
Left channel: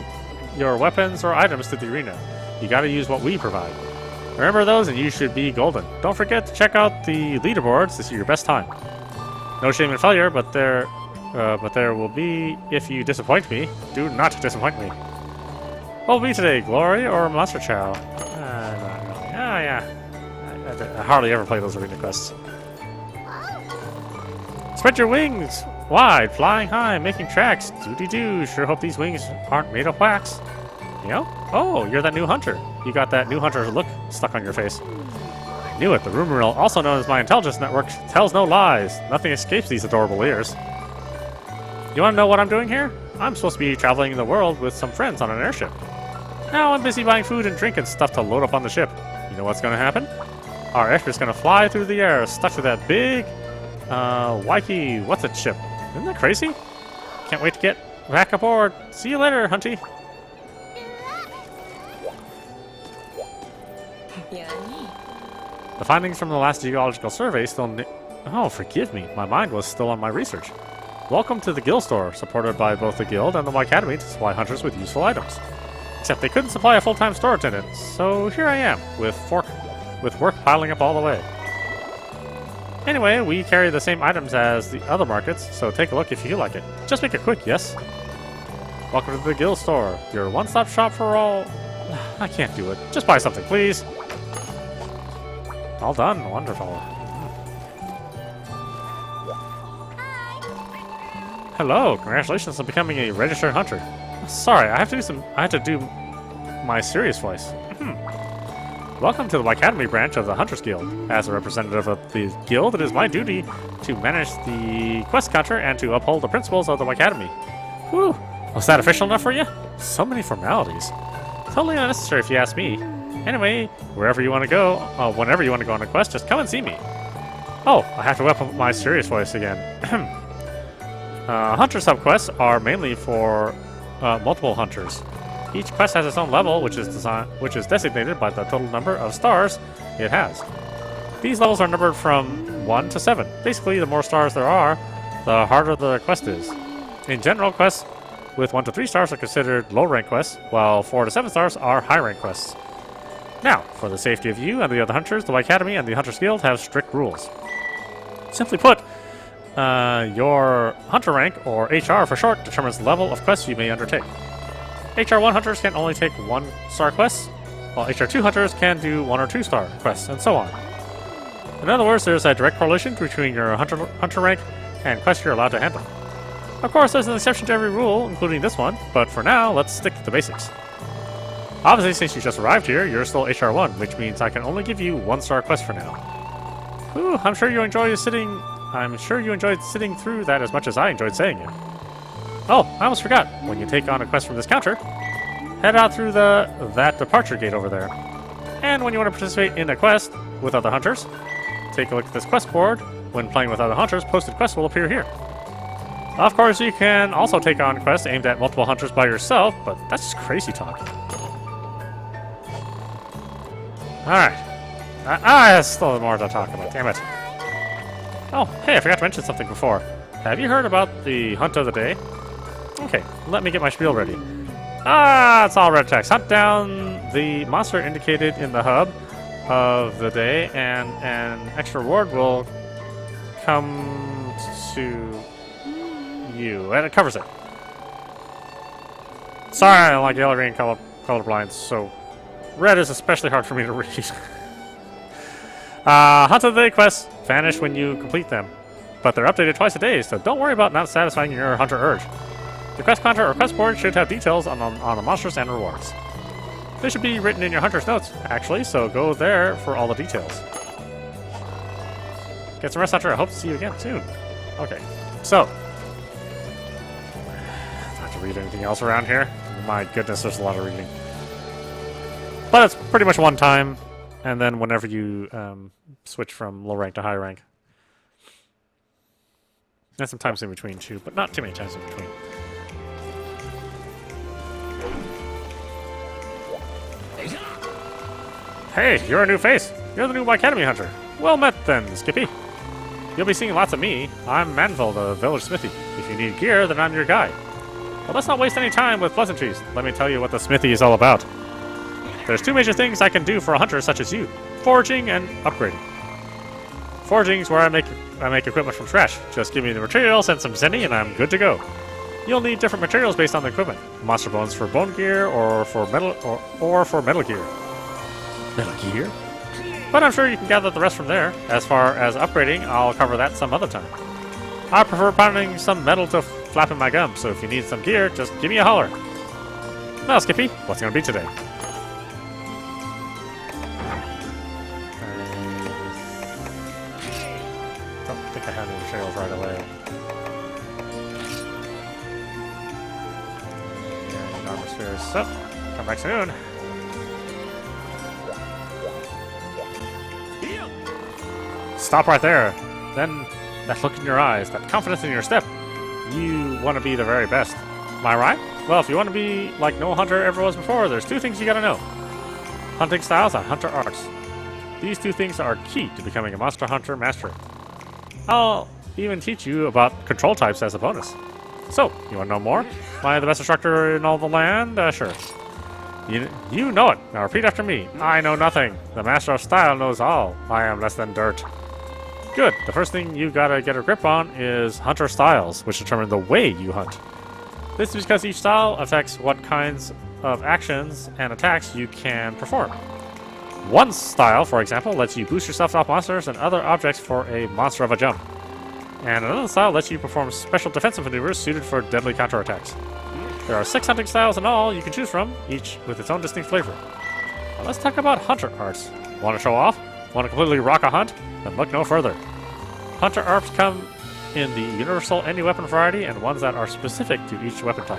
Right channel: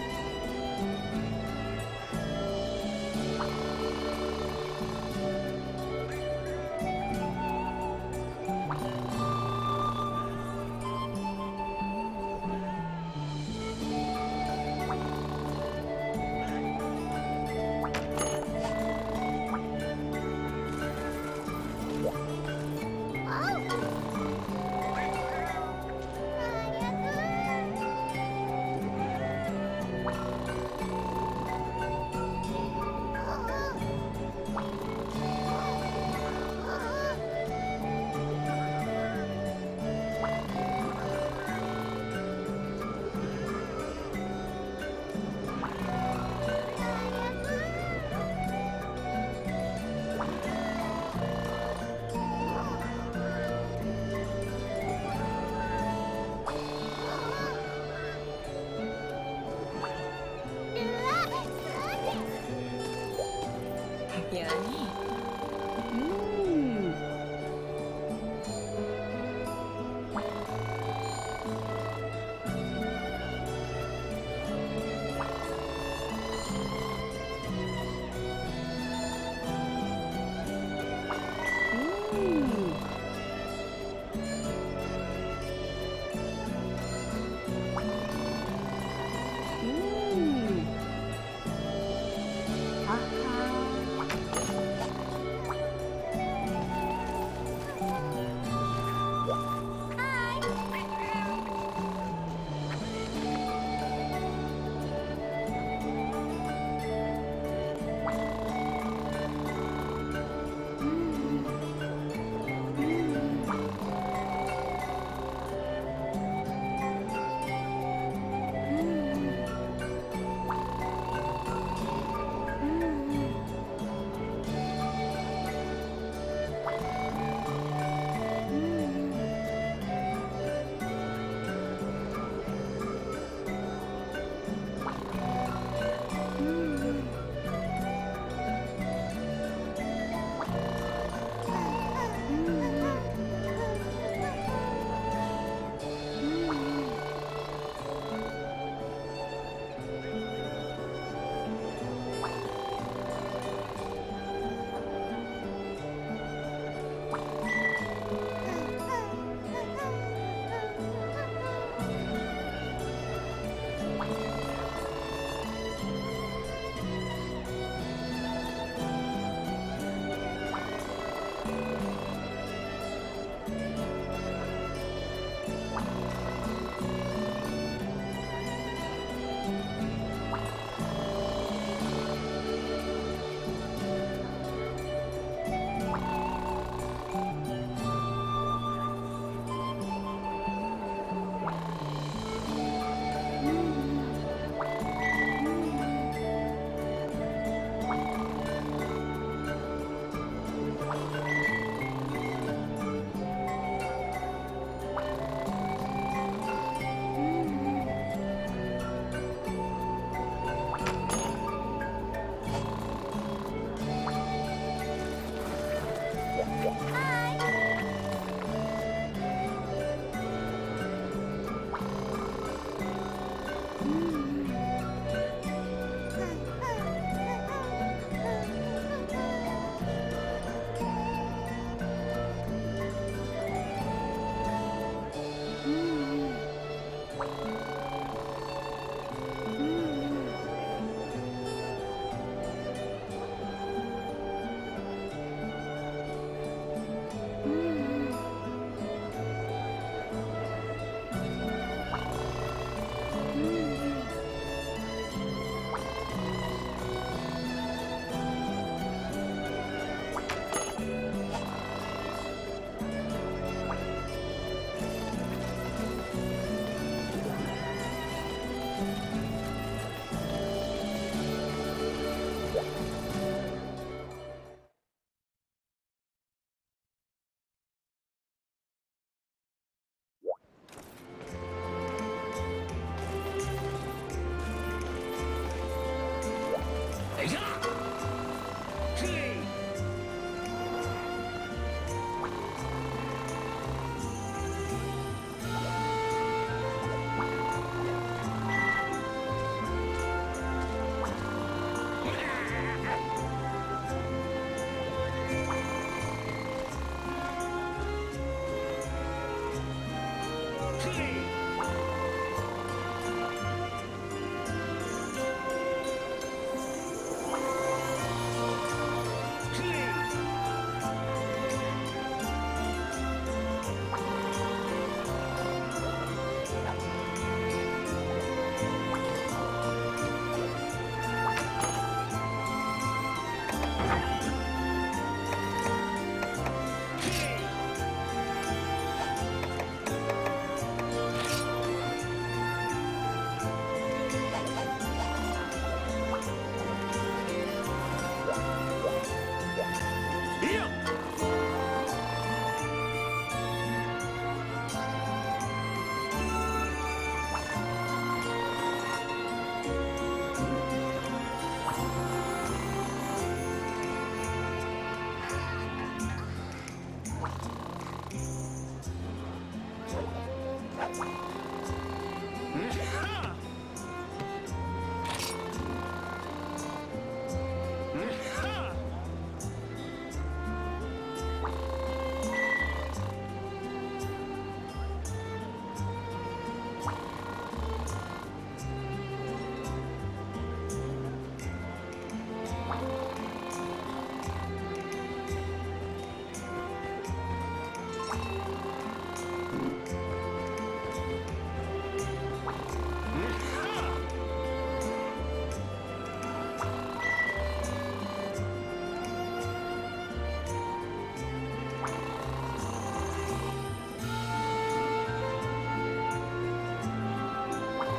your weapons or items to the arena. You gotta use what we provide. Remember those and you should be golden. Don't forget to check out the leaderboards to see your best time. No shame in failure, but there will be if you disappoint me. Do not disappoint me. What will be today, Glory or Monster Chow? Yeah. I hardly ever play those arena quests. Spread your wings wide, flying high, making tracks. Doody-doo. Sure hope these wings aren't made of wax. You know? Oh, you're that new hunter. You got that new hunter look stuck on your face. Knew it. The rumor mill, also known as my intelligence network, tells no lies. Nothing escapes these adorable ears. You want to know what I'm doing here? I'm supposed to be traveling the world with some friends on an airship. Now I'm busy buying food and drink and stuff to load up on the ship. You know what's going to happen? Our airship's going to fly through the air, stuck to that big, wikey, what's it ship? Isn't that crazy? Can't wait to get back aboard. See you later, Hunty. The findings from the last geological survey still... Oh, forgive me. My mind was still on my research. Welcome to the guild store, supported by both the guild and the Y Academy to supply hunters with useful items. Except they couldn't supply a full-time store attendant, so here I am, with work piling up all the way. Anyway, we carry the same items as the other markets, so take a look if you feel like it. Just make it quick, yes? Welcome to the guild store, your one-stop shop for all... I can't do it. Just buy something, please. All done. Wonderful. Hello. Congratulations on becoming a registered hunter. Sorry, I have to do my serious voice. Welcome to the Academy branch of the Hunters Guild. As a representative of the guild, it is my duty to manage the quest counter and to uphold the principles of the Academy. Whew. Was that official enough for you? So many formalities. Totally unnecessary if you ask me. Anyway, wherever you want to go, whenever you want to go on a quest, just come and see me. Oh, I have to up my serious voice again. Hunter subquests are mainly for multiple hunters. Each quest has its own level, which is designated by the total number of stars it has. These levels are numbered from 1 to 7. Basically, the more stars there are, the harder the quest is. In general, quests with 1 to 3 stars are considered low-rank quests, while 4 to 7 stars are high-rank quests. Now, for the safety of you and the other hunters, the Academy and the Hunters Guild have strict rules. Simply put, your hunter rank, or HR for short, determines the level of quests you may undertake. HR1 hunters can only take 1-star quests, while HR2 hunters can do 1 or 2-star quests, and so on. In other words, there's a direct correlation between your hunter rank and quests you're allowed to handle. Of course, there's an exception to every rule, including this one, but for now, let's stick to the basics. Obviously, since you just arrived here, you're still HR1, which means I can only give you 1-star quests for now. Ooh, I'm sure you enjoyed sitting through that as much as I enjoyed saying it. Oh, I almost forgot. When you take on a quest from this counter, head out through that departure gate over there. And when you want to participate in a quest with other hunters, take a look at this quest board. When playing with other hunters, posted quests will appear here. Of course, you can also take on quests aimed at multiple hunters by yourself, but that's just crazy talk. Alright. That's still more to talk about. Damn it. Oh, hey, I forgot to mention something before. Have you heard about the hunt of the day? Okay, let me get my spiel ready. It's all red text. Hunt down the monster indicated in the hub of the day, and an extra reward will come to you. And it covers it. Sorry, I don't like yellow, green, colorblind, so red is especially hard for me to read. Hunt of the day quests vanish when you complete them, but they're updated twice a day, so don't worry about not satisfying your hunter urge. The quest counter or quest board should have details on the monsters and rewards. They should be written in your hunter's notes, actually, so go there for all the details. Get some rest, Hunter. I hope to see you again soon. Okay, so. Not to read anything else around here. My goodness, there's a lot of reading. But it's pretty much one time, and then whenever you switch from low rank to high rank. And some times in between too, but not too many times in between. Hey, you're a new face. You're the new Academy Hunter. Well met then, Skippy. You'll be seeing lots of me. I'm Manville, the village smithy. If you need gear, then I'm your guy. But let's not waste any time with pleasantries. Let me tell you what the smithy is all about. There's two major things I can do for a hunter such as you. Foraging and upgrading. Foraging is where I make equipment from scratch. Just give me the materials and some zenny and I'm good to go. You'll need different materials based on the equipment. Monster bones for bone gear or for metal gear. Metal gear? But I'm sure you can gather the rest from there. As far as upgrading, I'll cover that some other time. I prefer pounding some metal to flap in my gum, so if you need some gear, just give me a holler. Now, Skippy, what's it gonna be today? Don't think I have any materials right away. Stuff. Come back soon. Stop right there. Then that look in your eyes, that confidence in your step. You want to be the very best. Am I right? Well, if you want to be like no hunter ever was before, there's two things you gotta know. Hunting styles and hunter arts. These two things are key to becoming a monster hunter master. I'll even teach you about control types as a bonus. So, you want to know more? Am I the best instructor in all the land? Sure. You know it. Now repeat after me. I know nothing. The master of style knows all. I am less than dirt. Good. The first thing you gotta get a grip on is hunter styles, which determine the way you hunt. This is because each style affects what kinds of actions and attacks you can perform. One style, for example, lets you boost yourself off monsters and other objects for a monster of a jump. And another style lets you perform special defensive maneuvers suited for deadly counterattacks. There are 6 hunting styles in all you can choose from, each with its own distinct flavor. Let's talk about hunter arts. Want to show off? Want to completely rock a hunt? Then look no further. Hunter arts come in the universal any weapon variety and ones that are specific to each weapon type.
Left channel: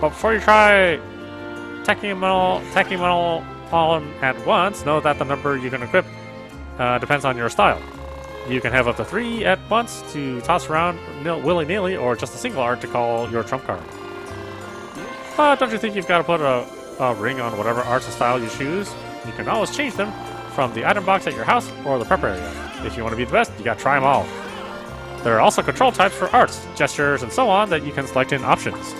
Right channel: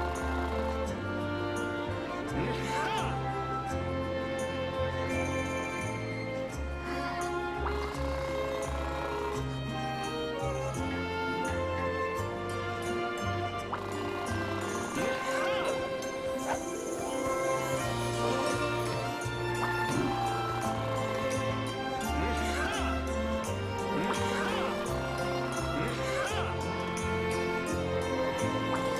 But before you try tacking them all on at once, know that the number you can equip depends on your style. You can have up to 3 at once to toss around willy-nilly, or just a single art to call your trump card. Don't you think you've got to put a ring on whatever arts and style you choose? You can always change them from the item box at your house or the prep area. If you want to be the best, you got to try them all. There are also control types for arts, gestures, and so on that you can select in options.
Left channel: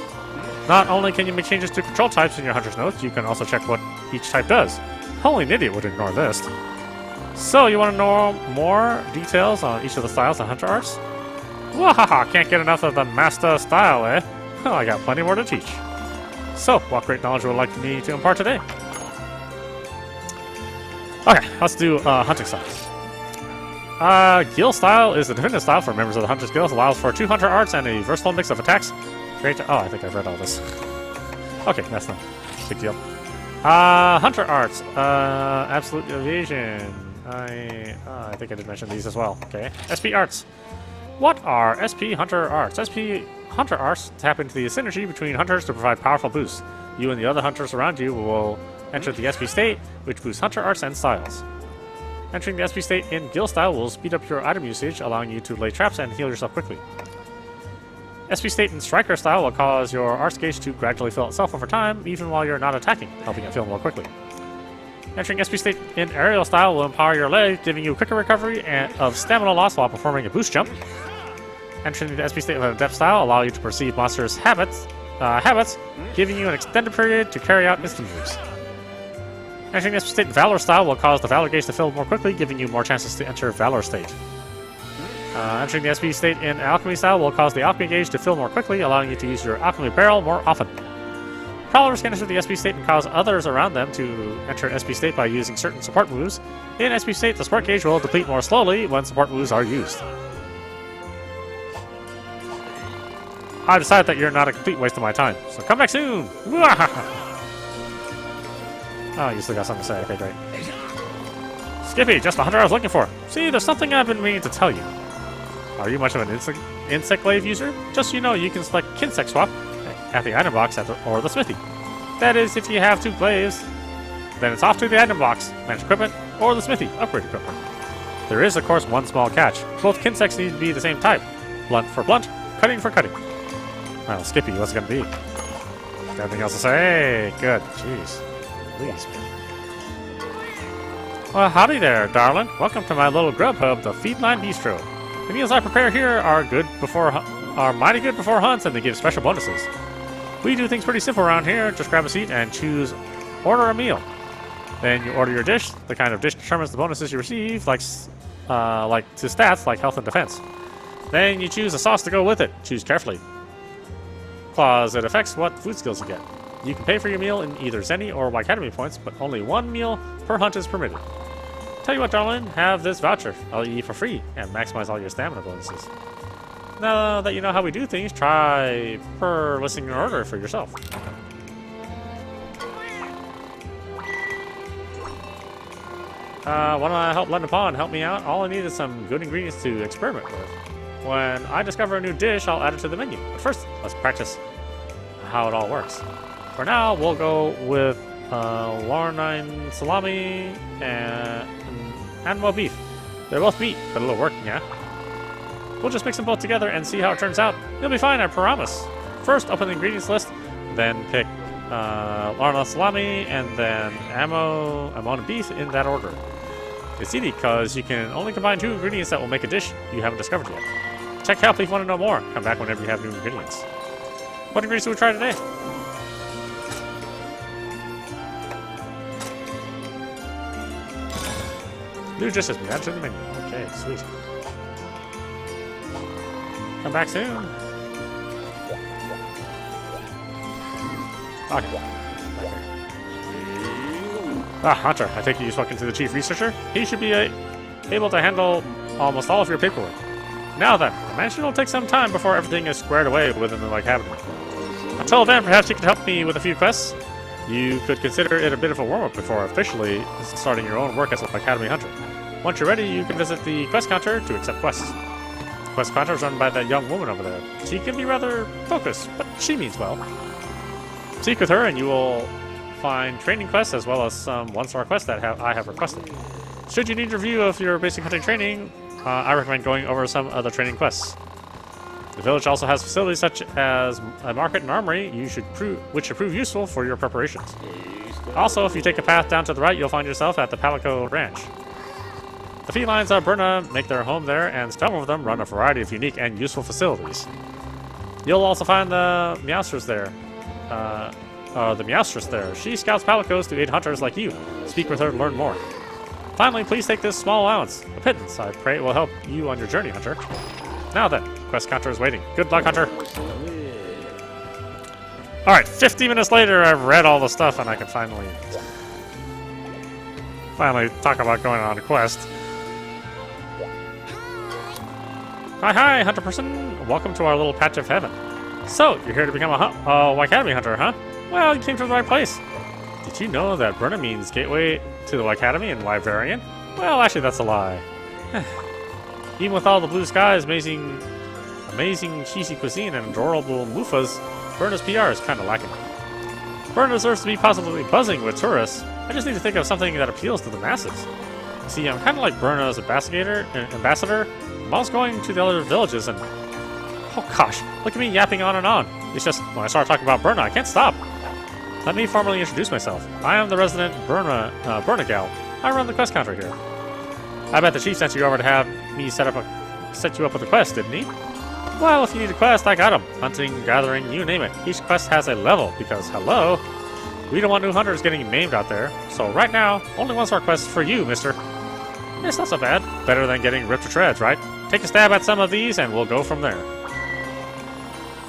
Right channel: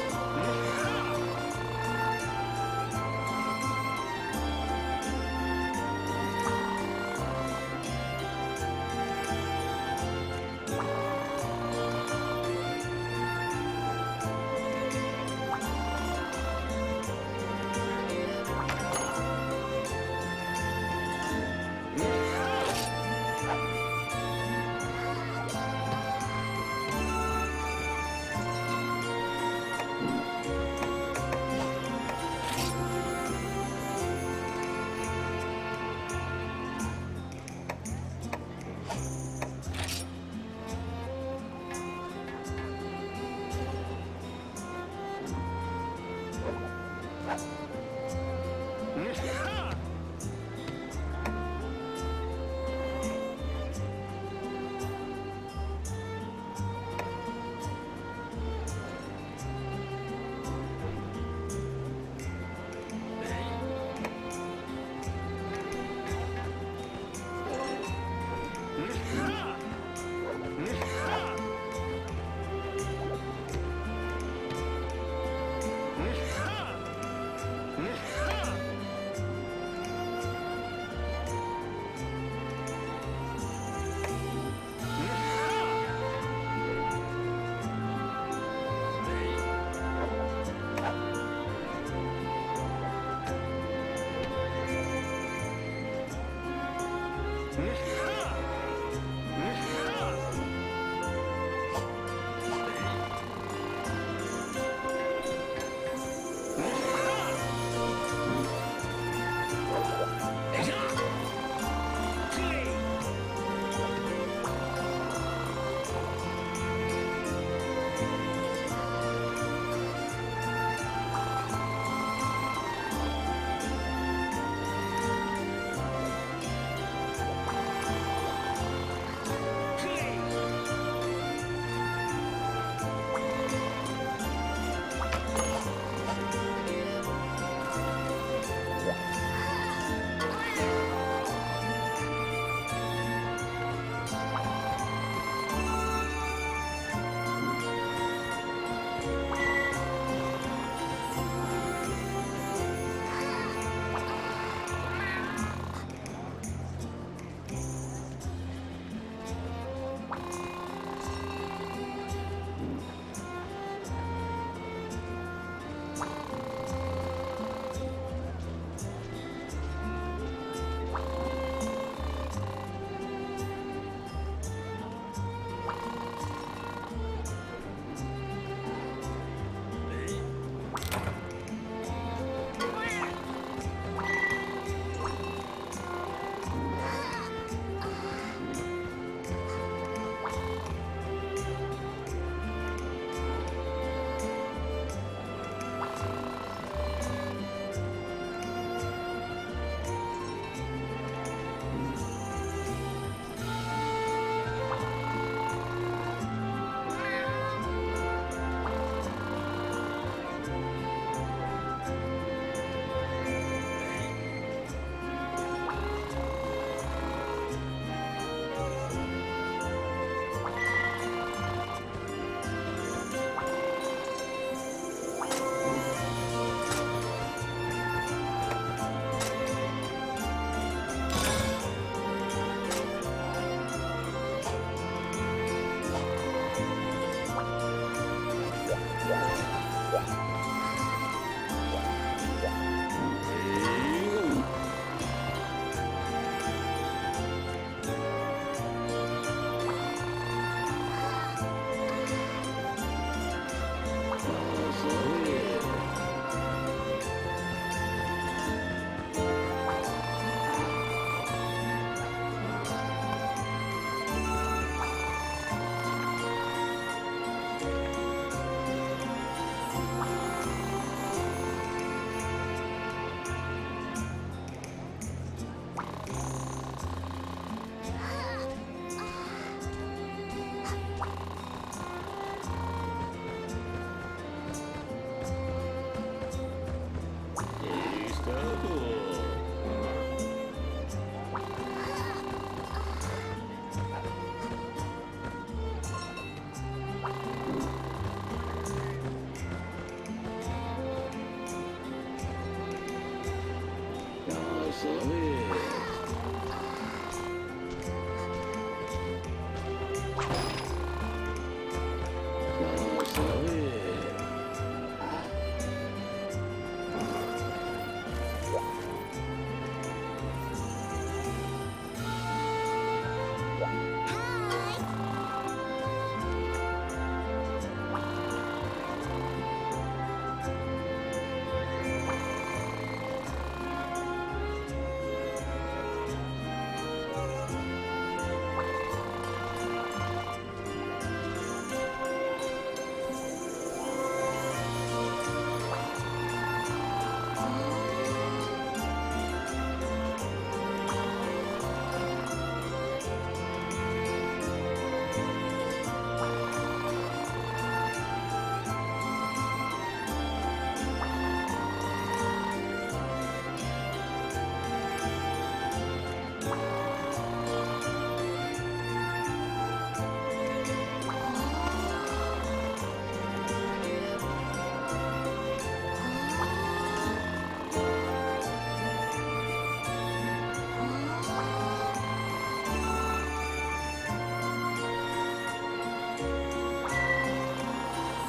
Not only can you make changes to control types in your hunter's notes, you can also check what each type does. Only an idiot would ignore this. So, you want to know more details on each of the styles and hunter arts? Wahaha, can't get enough of the master style, eh? Well, I got plenty more to teach. So, what great knowledge would you like me to impart today? Okay, let's do hunting styles. Guild style is the definitive style for members of the Hunter's Guild. Allows for 2 hunter arts and a versatile mix of attacks. Great. Oh, I think I've read all this. Okay, that's not a big deal. Hunter arts. Absolute evasion. I think I did mention these as well. Okay. SP arts. What are SP hunter arts? SP hunter arts tap into the synergy between hunters to provide powerful boosts. You and the other hunters around you will enter the SP state, which boosts hunter arts and styles. Entering the SP state in guild style will speed up your item usage, allowing you to lay traps and heal yourself quickly. SP state in striker style will cause your arts gauge to gradually fill itself over time, even while you're not attacking, helping it fill more quickly. Entering SP state in aerial style will empower your legs, giving you quicker recovery of stamina loss while performing a boost jump. Entering the SP state of adept style allow you to perceive monsters' habits, giving you an extended period to carry out misdemeanors. Entering the SP state Valor style will cause the Valor gauge to fill more quickly, giving you more chances to enter Valor state. Entering the SP state in Alchemy style will cause the Alchemy gauge to fill more quickly, allowing you to use your Alchemy barrel more often. Prowlers can enter the SP state and cause others around them to enter an SP state by using certain support moves. In SP state, the support gauge will deplete more slowly when support moves are used. I decided that you're not a complete waste of my time, so come back soon! Oh, you still got something to say. Okay, great. Skippy, just the hunter I was looking for. See, there's something I've been meaning to tell you. Are you much of an insect glaive user? Just so you know, you can select Kinsect Swap at the item box or the smithy. That is, if you have 2 glaives, then it's off to the item box, manage equipment, or the smithy, upgrade equipment. There is, of course, one small catch. Both kinsects need to be the same type. Blunt for blunt, cutting for cutting. Now, Skippy, what's it gonna be? Anything else to say? Good. Jeez. Yes. Well, howdy there, darling. Welcome to my little grub hub, the Felyne Bistro. The meals I prepare here are mighty good before hunts, and they give special bonuses. We do things pretty simple around here. Just grab a seat and choose order a meal. Then you order your dish. The kind of dish determines the bonuses you receive, like to stats like health and defense. Then you choose a sauce to go with it. Choose carefully, cause it affects what food skills you get. You can pay for your meal in either Zenny or Academy points, but only one meal per hunt is permitted. Tell you what, darling, have this voucher. I'll eat for free and maximize all your stamina bonuses. Now that you know how we do things, try per listing your order for yourself. Want to help lend a pawn? Help me out. All I need is some good ingredients to experiment with. When I discover a new dish, I'll add it to the menu. But first, let's practice how it all works. For now, we'll go with Warnine salami and animal beef. They're both meat, but a little working, yeah? We'll just mix them both together and see how it turns out. You'll be fine, I promise. First, open the ingredients list, then pick Warnine salami and then ammo beef in that order. It's easy because you can only combine 2 ingredients that will make a dish you haven't discovered yet. Check help if you want to know more. Come back whenever you have new ingredients. What ingredients do we try today? New dishes, that's in the menu. Okay, sweet. Come back soon. Okay. Hunter, I take it you've spoken to the chief researcher. He should be able to handle almost all of your paperwork. Now then, the mansion will take some time before everything is squared away within the cabinet. Until then, perhaps you could help me with a few quests. You could consider it a bit of a warm-up before officially starting your own work as an Academy Hunter. Once you're ready, you can visit the quest counter to accept quests. The quest counter is run by that young woman over there. She can be rather focused, but she means well. Speak with her and you will find training quests as well as some one-star quests that I have requested. Should you need a review of your basic hunting training, I recommend going over some other training quests. The village also has facilities such as a market and armory which should prove useful for your preparations. Also, if you take a path down to the right, you'll find yourself at the Pelican Ranch. The felines of Berna make their home there, and several of them run a variety of unique and useful facilities. You'll also find the Meowstress there. She scouts palicos to aid hunters like you. Speak with her and learn more. Finally, please take this small allowance. A pittance, I pray it will help you on your journey, Hunter. Now then, quest counter is waiting. Good luck, Hunter. Alright, 50 minutes later, I've read all the stuff and I can finally talk about going on a quest. Hi, Hunter person. Welcome to our little patch of heaven. So, you're here to become a Academy Hunter, huh? Well, you came to the right place. Did you know that Berna means gateway to the Academy in Wyverian? Well, actually, that's a lie. Even with all the blue skies, amazing cheesy cuisine, and adorable moofas, Berna's PR is kind of lacking. Berna deserves to be positively buzzing with tourists. I just need to think of something that appeals to the masses. See, I'm kind of like Berna's ambassador. I'm always going to the other villages and... Oh gosh, look at me yapping on and on. It's just, when I start talking about Berna, I can't stop. Let me formally introduce myself. I am the resident Berna gal. I run the quest counter here. I bet the chief sent you over to have me set you up with a quest, didn't he? Well, if you need a quest, I got him. Hunting, gathering, you name it. Each quest has a level, because, hello, we don't want new hunters getting maimed out there. So right now, only one-star quests for you, mister. It's not so bad. Better than getting ripped to shreds, right? Take a stab at some of these, and we'll go from there.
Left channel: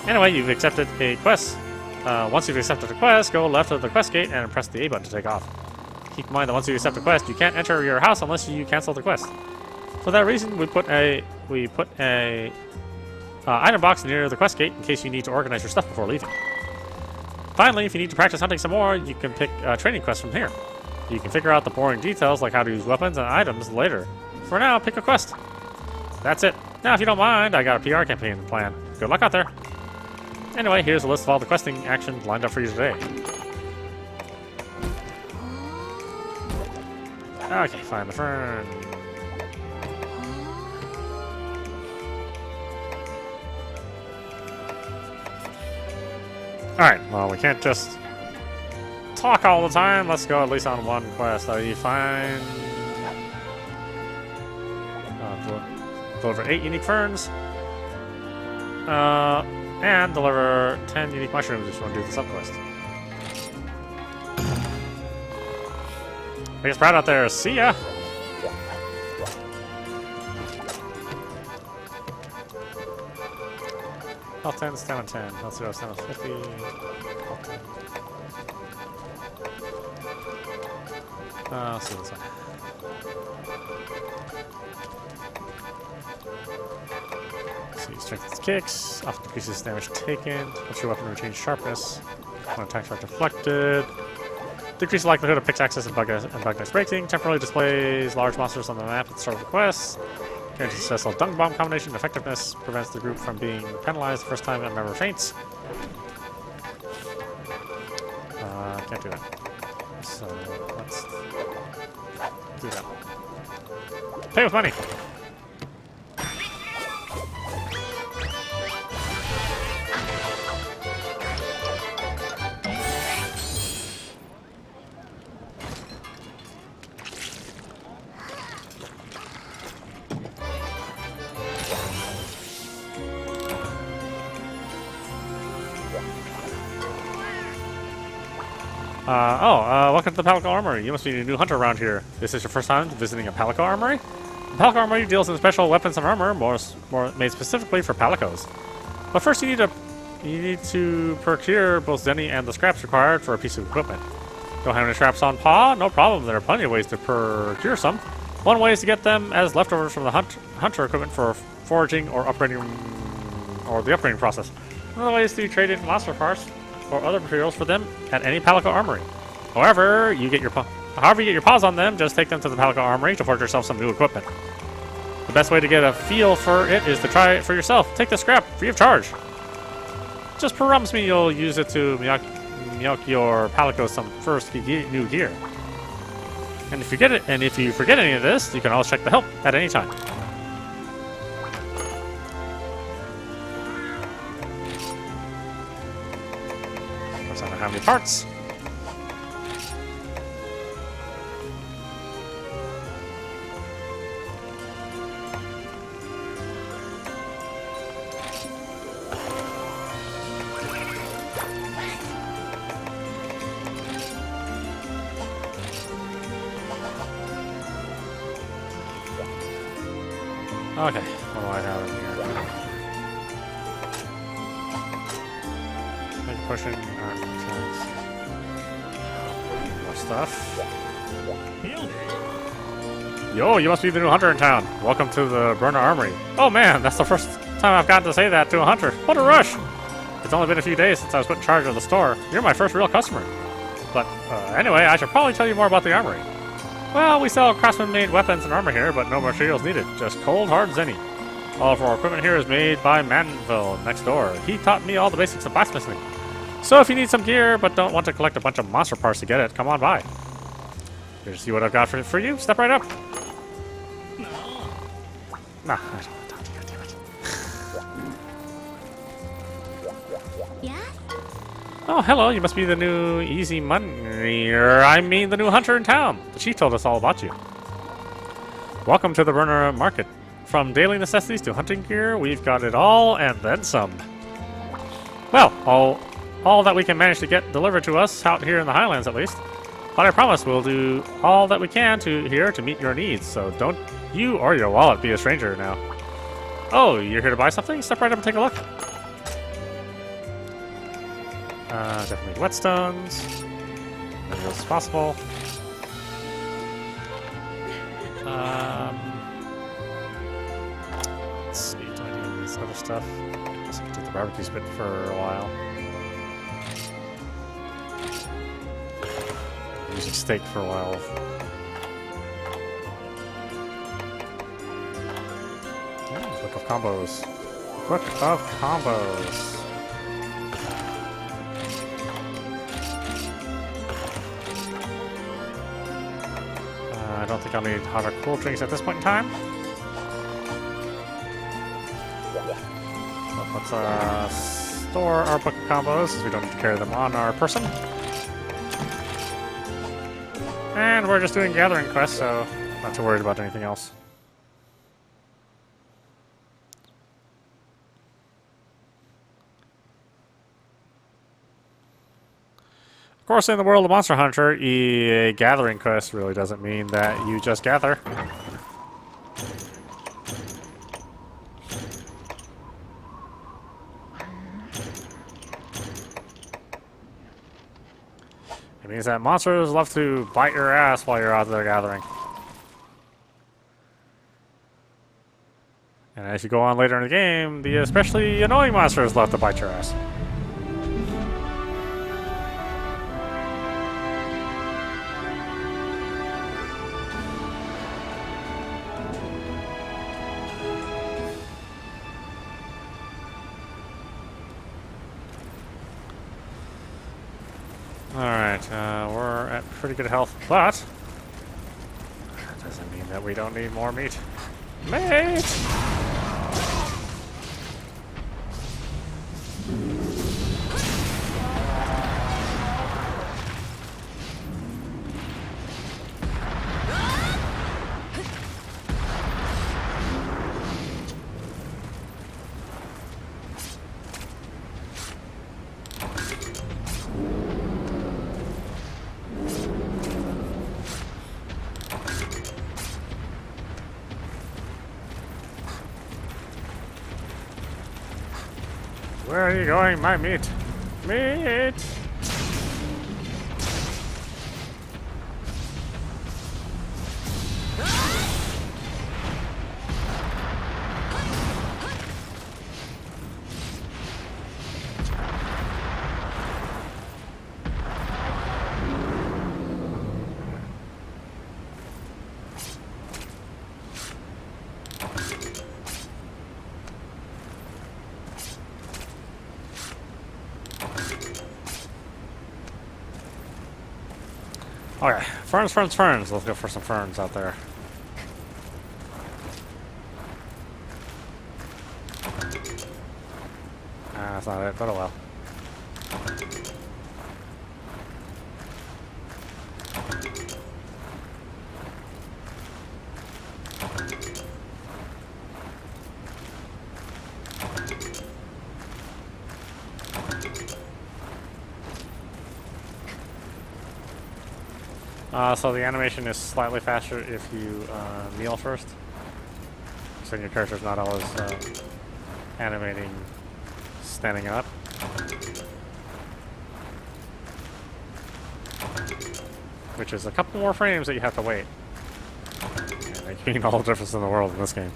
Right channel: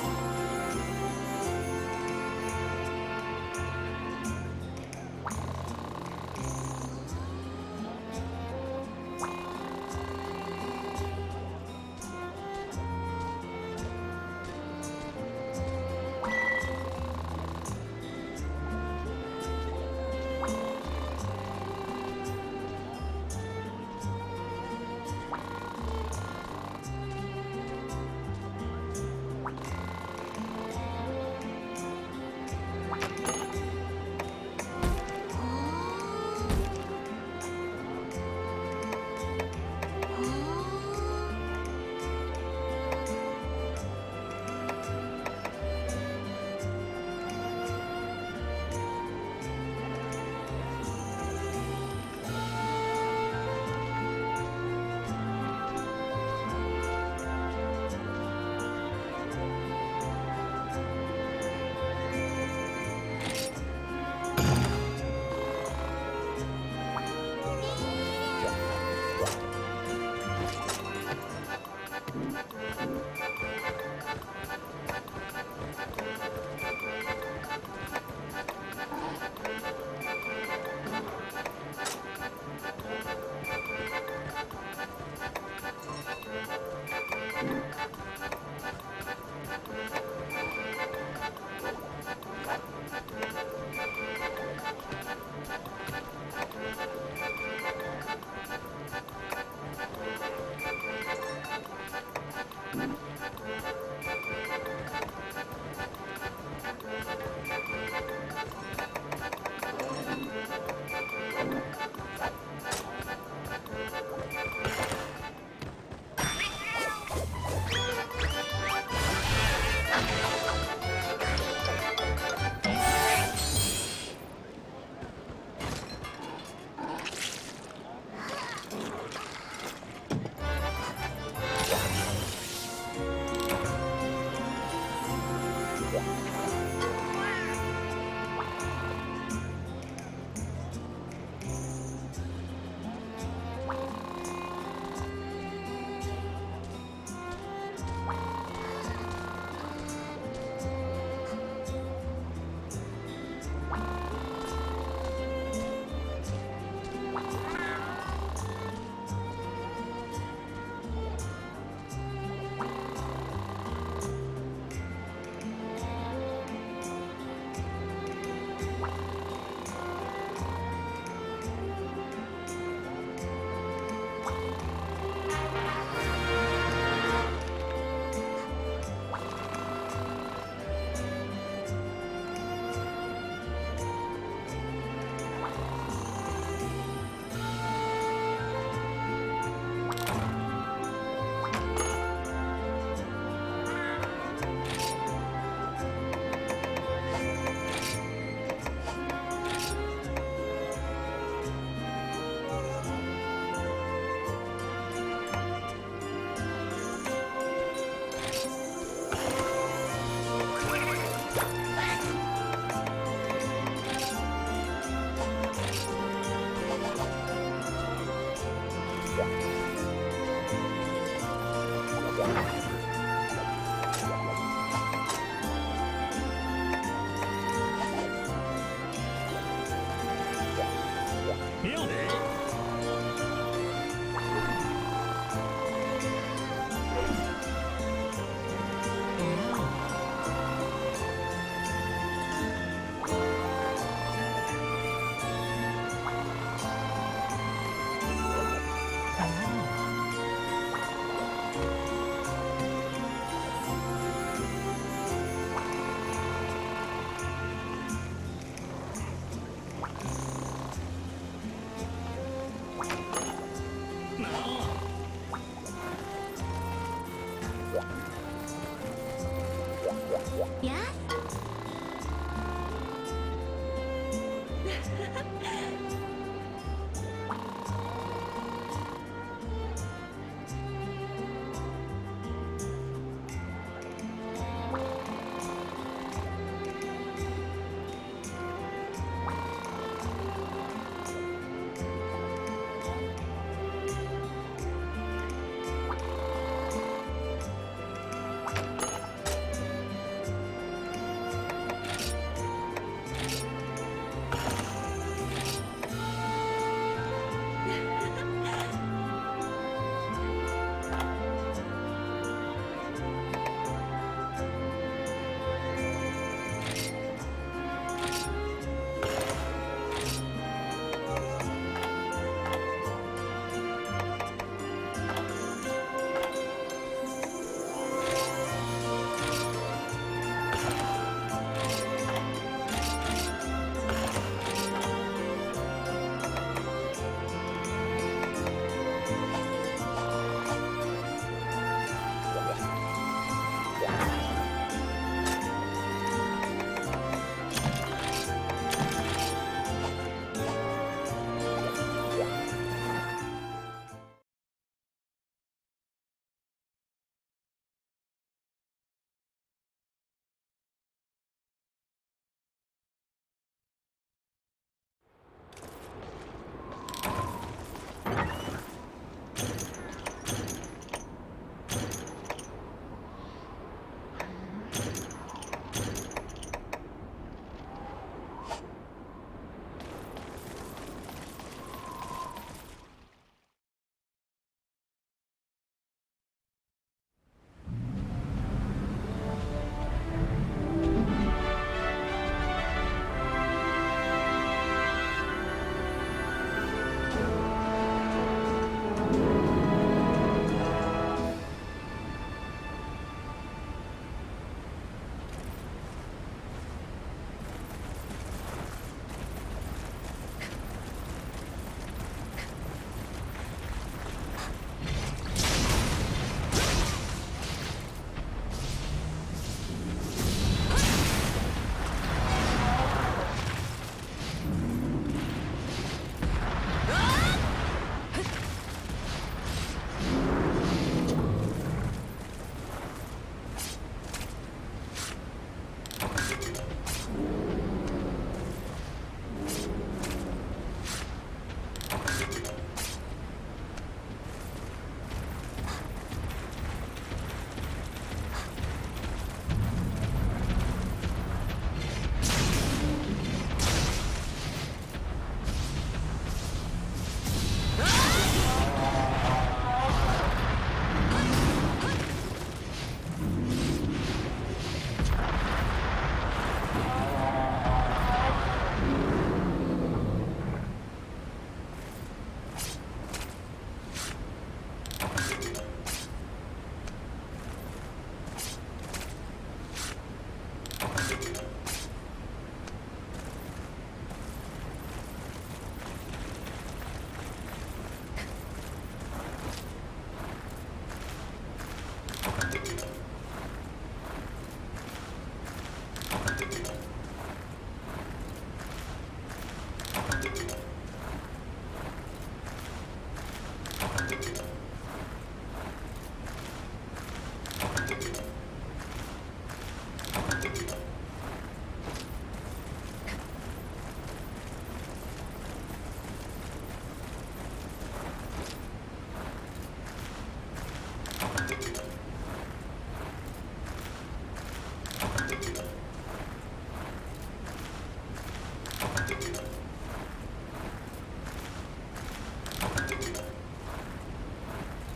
Anyway, you've accepted a quest. Once you've accepted a quest, go left of the quest gate and press the A button to take off. Keep in mind that once you accept a quest, you can't enter your house unless you cancel the quest. For that reason, we put a item box near the quest gate in case you need to organize your stuff before leaving. Finally, if you need to practice hunting some more, you can pick training quests from here. You can figure out the boring details like how to use weapons and items later. For now, pick a quest. That's it. Now, if you don't mind, I got a PR campaign planned. Good luck out there. Anyway, here's a list of all the questing actions lined up for you today. Okay, find the fern. Alright, well, we can't just talk all the time. Let's go at least on one quest. You find... deliver 8 unique ferns. And deliver 10 unique mushrooms if you want to do the sub-quest. Biggest Sprout out there. See ya! Oh, 10's down 10. Let's go down 50. See what's up. See, strengthens kicks. Often decreases damage taken. Puts your weapon routine sharpness. When attacks are deflected. Decrease the likelihood of pickaxes and bug dice breaking. Temporarily displays large monsters on the map at the start of the quest. Guarantees successful dung bomb combination effectiveness. Prevents the group from being penalized the first time a member faints. Can't do that. So let's do that. Pay with money. Welcome to the Pelican Armory. You must be a new hunter around here. This is your first time visiting a Pelican Armory? The Pelican Armory deals in special weapons and armor, more made specifically for Palicos. But first you need to procure both Zenny and the scraps required for a piece of equipment. Don't have any scraps on paw? No problem, there are plenty of ways to procure some. One way is to get them as leftovers from the hunter equipment for foraging or upgrading, or the upgrading process. Another way is to trade in monster parts or other materials for them at any Pelican Armory. However you get your paws on them, just take them to the Pelican Armory to forge yourself some new equipment. The best way to get a feel for it is to try it for yourself. Take the scrap, free of charge. Just promise me you'll use it to milk your Palicos some first new gear. And if you forget any of this, you can always check the help at any time. So I don't have any parts. Okay. Oh, I got it. Pushing. More stuff. Yo, you must be the new hunter in town. Welcome to the Prowler Armory. Oh man, that's the first time I've gotten to say that to a hunter. What a rush! It's only been a few days since I was put in charge of the store. You're my first real customer. But anyway, I should probably tell you more about the armory. Well, we sell craftsman-made weapons and armor here, but no materials needed. Just cold, hard zenny. All of our equipment here is made by Manville next door. He taught me all the basics of blacksmithing. So if you need some gear, but don't want to collect a bunch of monster parts to get it, come on by. Here to see what I've got for you. Step right up. No. Nah. Yeah? Oh, hello. You must be the new easy money. I mean, the new hunter in town. She told us all about you. Welcome to the Prowler Market. From daily necessities to hunting gear, we've got it all and then some. Well, all that we can manage to get delivered to us out here in the Highlands, at least. But I promise we'll do all that we can to meet your needs. So don't you or your wallet be a stranger now. Oh, you're here to buy something? Step right up and take a look. Definitely whetstones. As much as possible. Let's see, do I need this other stuff? I guess I can take the barbecue spit for a while. Use a steak for a while. Book of combos. Book of combos. I'll need other cool things at this point in time. Let's store our book of combos, as we don't need to carry them on our person. And we're just doing gathering quests, so not too worried about anything else. Of course, in the world of Monster Hunter, a gathering quest really doesn't mean that you just gather. It means that monsters love to bite your ass while you're out there gathering. And as you go on later in the game, the especially annoying monsters love to bite your ass. Alright, we're at pretty good health, but that doesn't mean that we don't need more meat. Meat! Where are you going, my meat? Meat! Okay, ferns, ferns, ferns. Let's go for some ferns out there. That's not it, but oh well. So the animation is slightly faster if you kneel first. So your character's not always animating standing up. Which is a couple more frames that you have to wait. Making all the difference in the world in this game.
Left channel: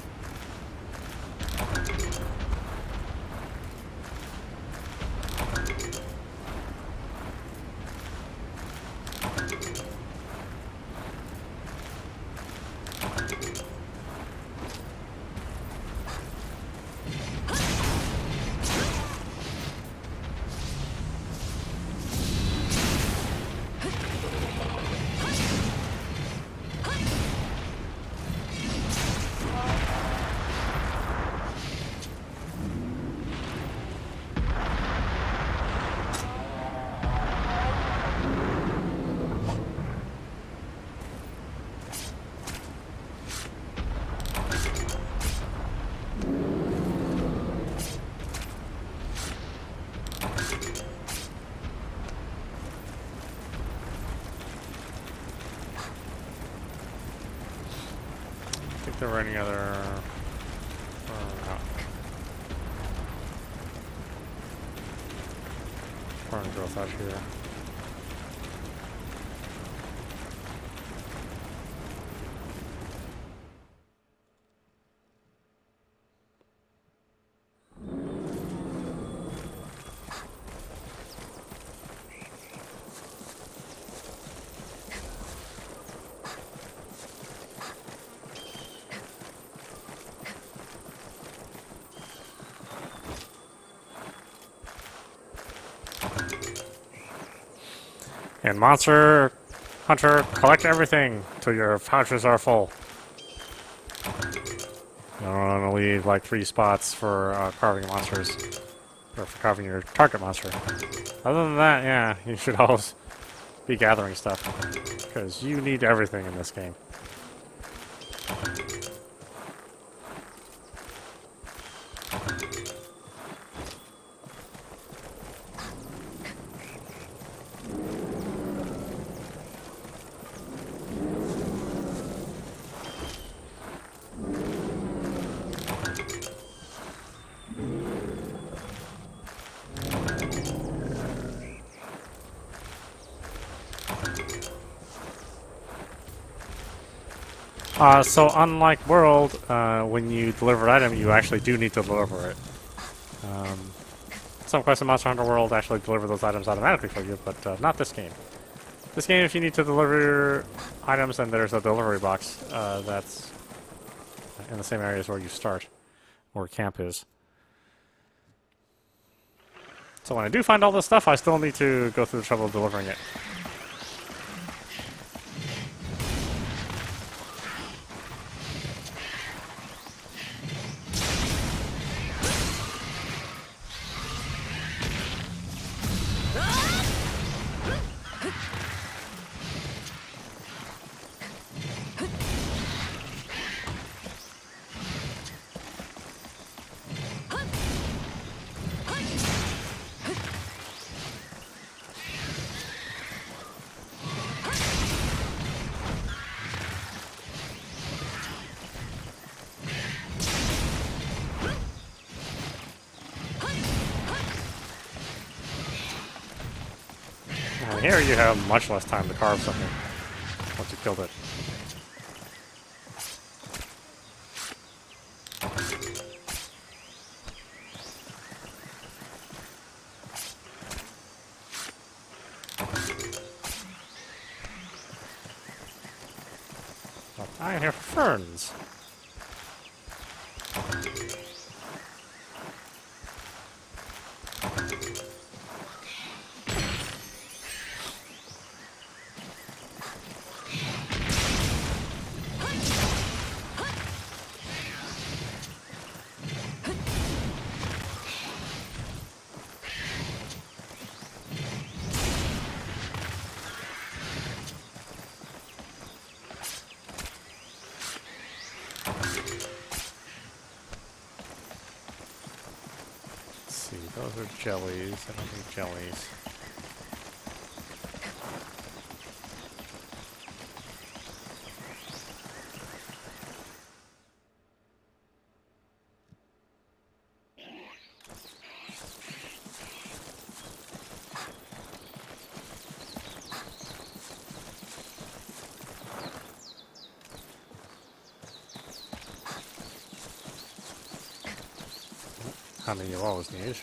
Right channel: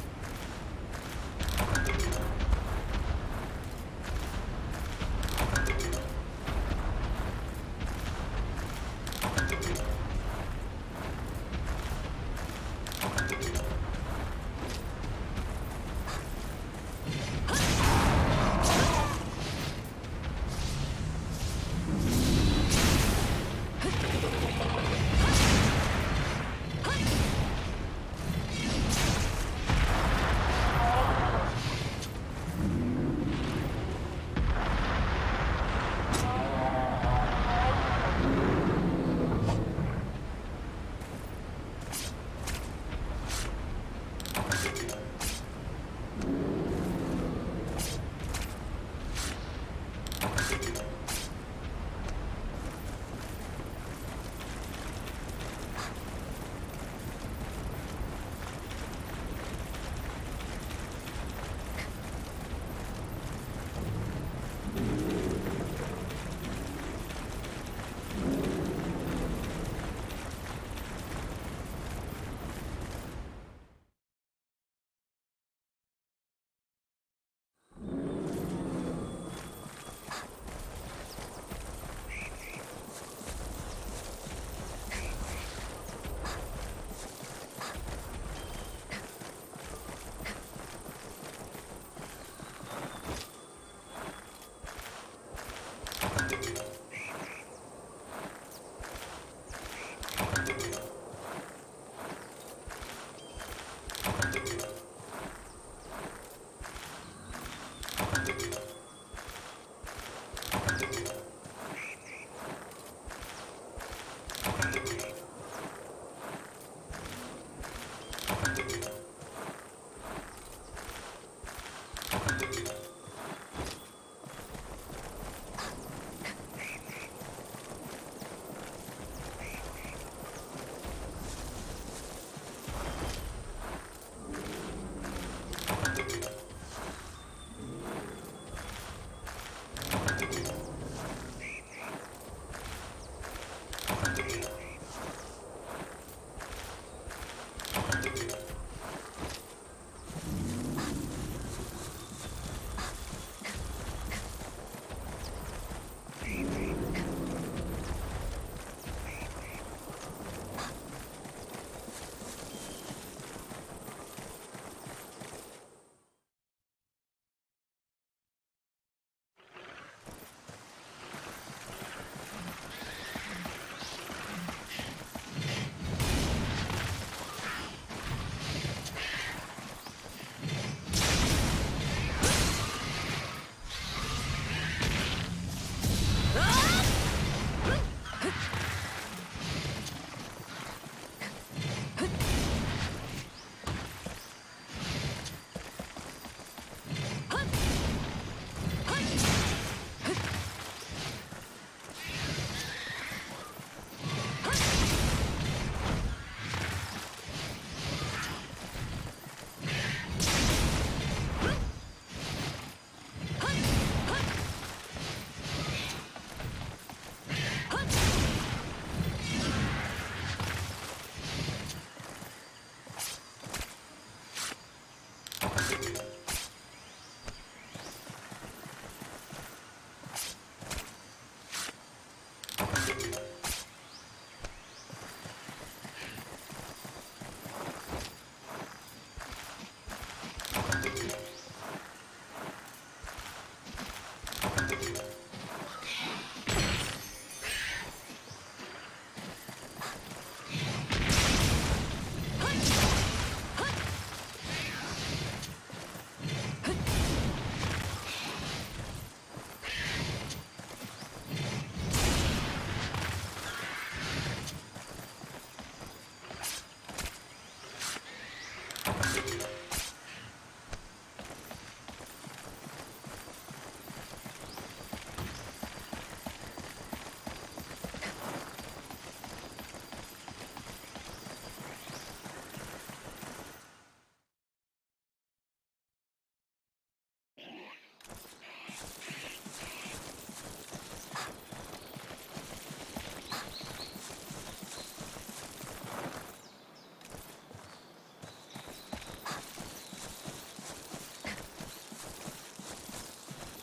There were any other And Monster Hunter, collect everything till your pouches are full. I want to leave like 3 spots for carving monsters. or for carving your target monster. Other than that, yeah, you should always be gathering stuff, because you need everything in this game. So unlike World, when you deliver an item, you actually do need to deliver it. Some quests in Monster Hunter World actually deliver those items automatically for you, but not this game. This game, if you need to deliver items, then there's a delivery box that's in the same areas where you start, where camp is. So when I do find all this stuff, I still need to go through the trouble of delivering it. Here you have much less time to carve something once you killed it. I hear ferns. Jellies, I need jellies. I mean, you always need.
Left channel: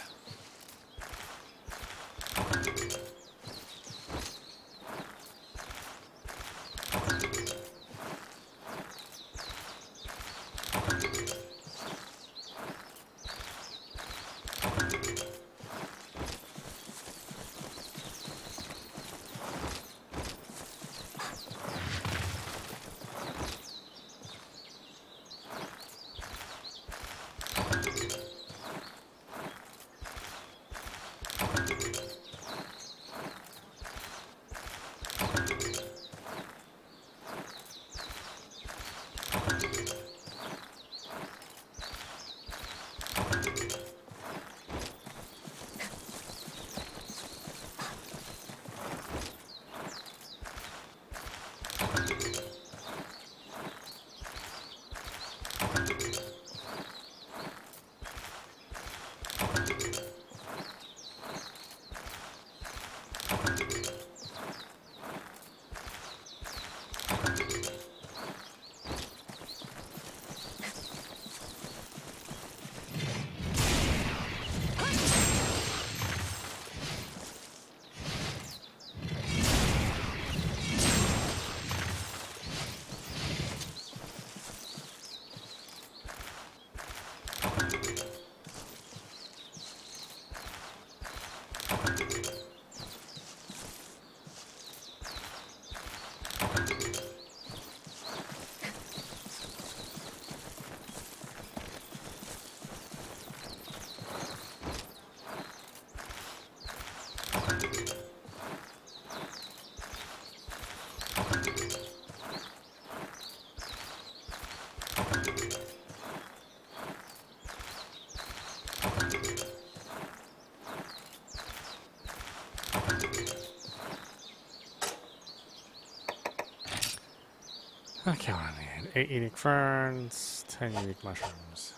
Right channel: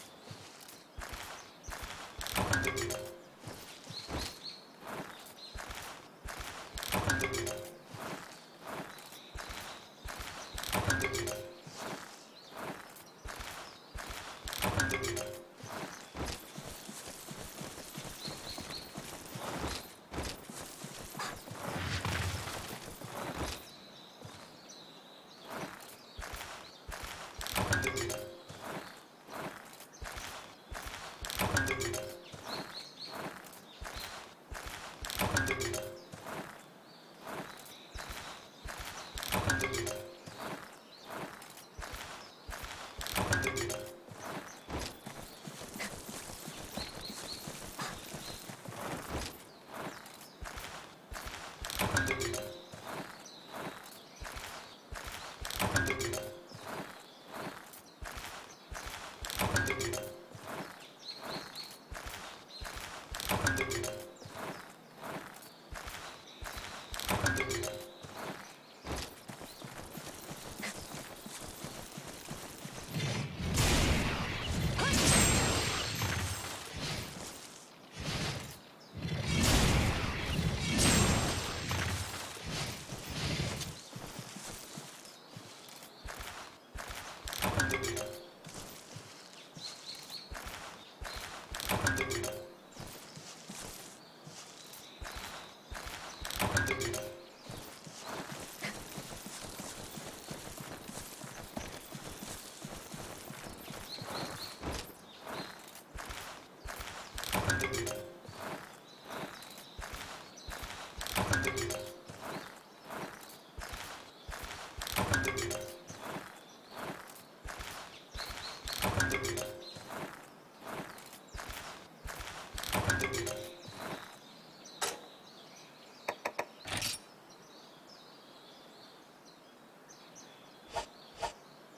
Okay, what do I need? 8 unique ferns, 10 unique mushrooms.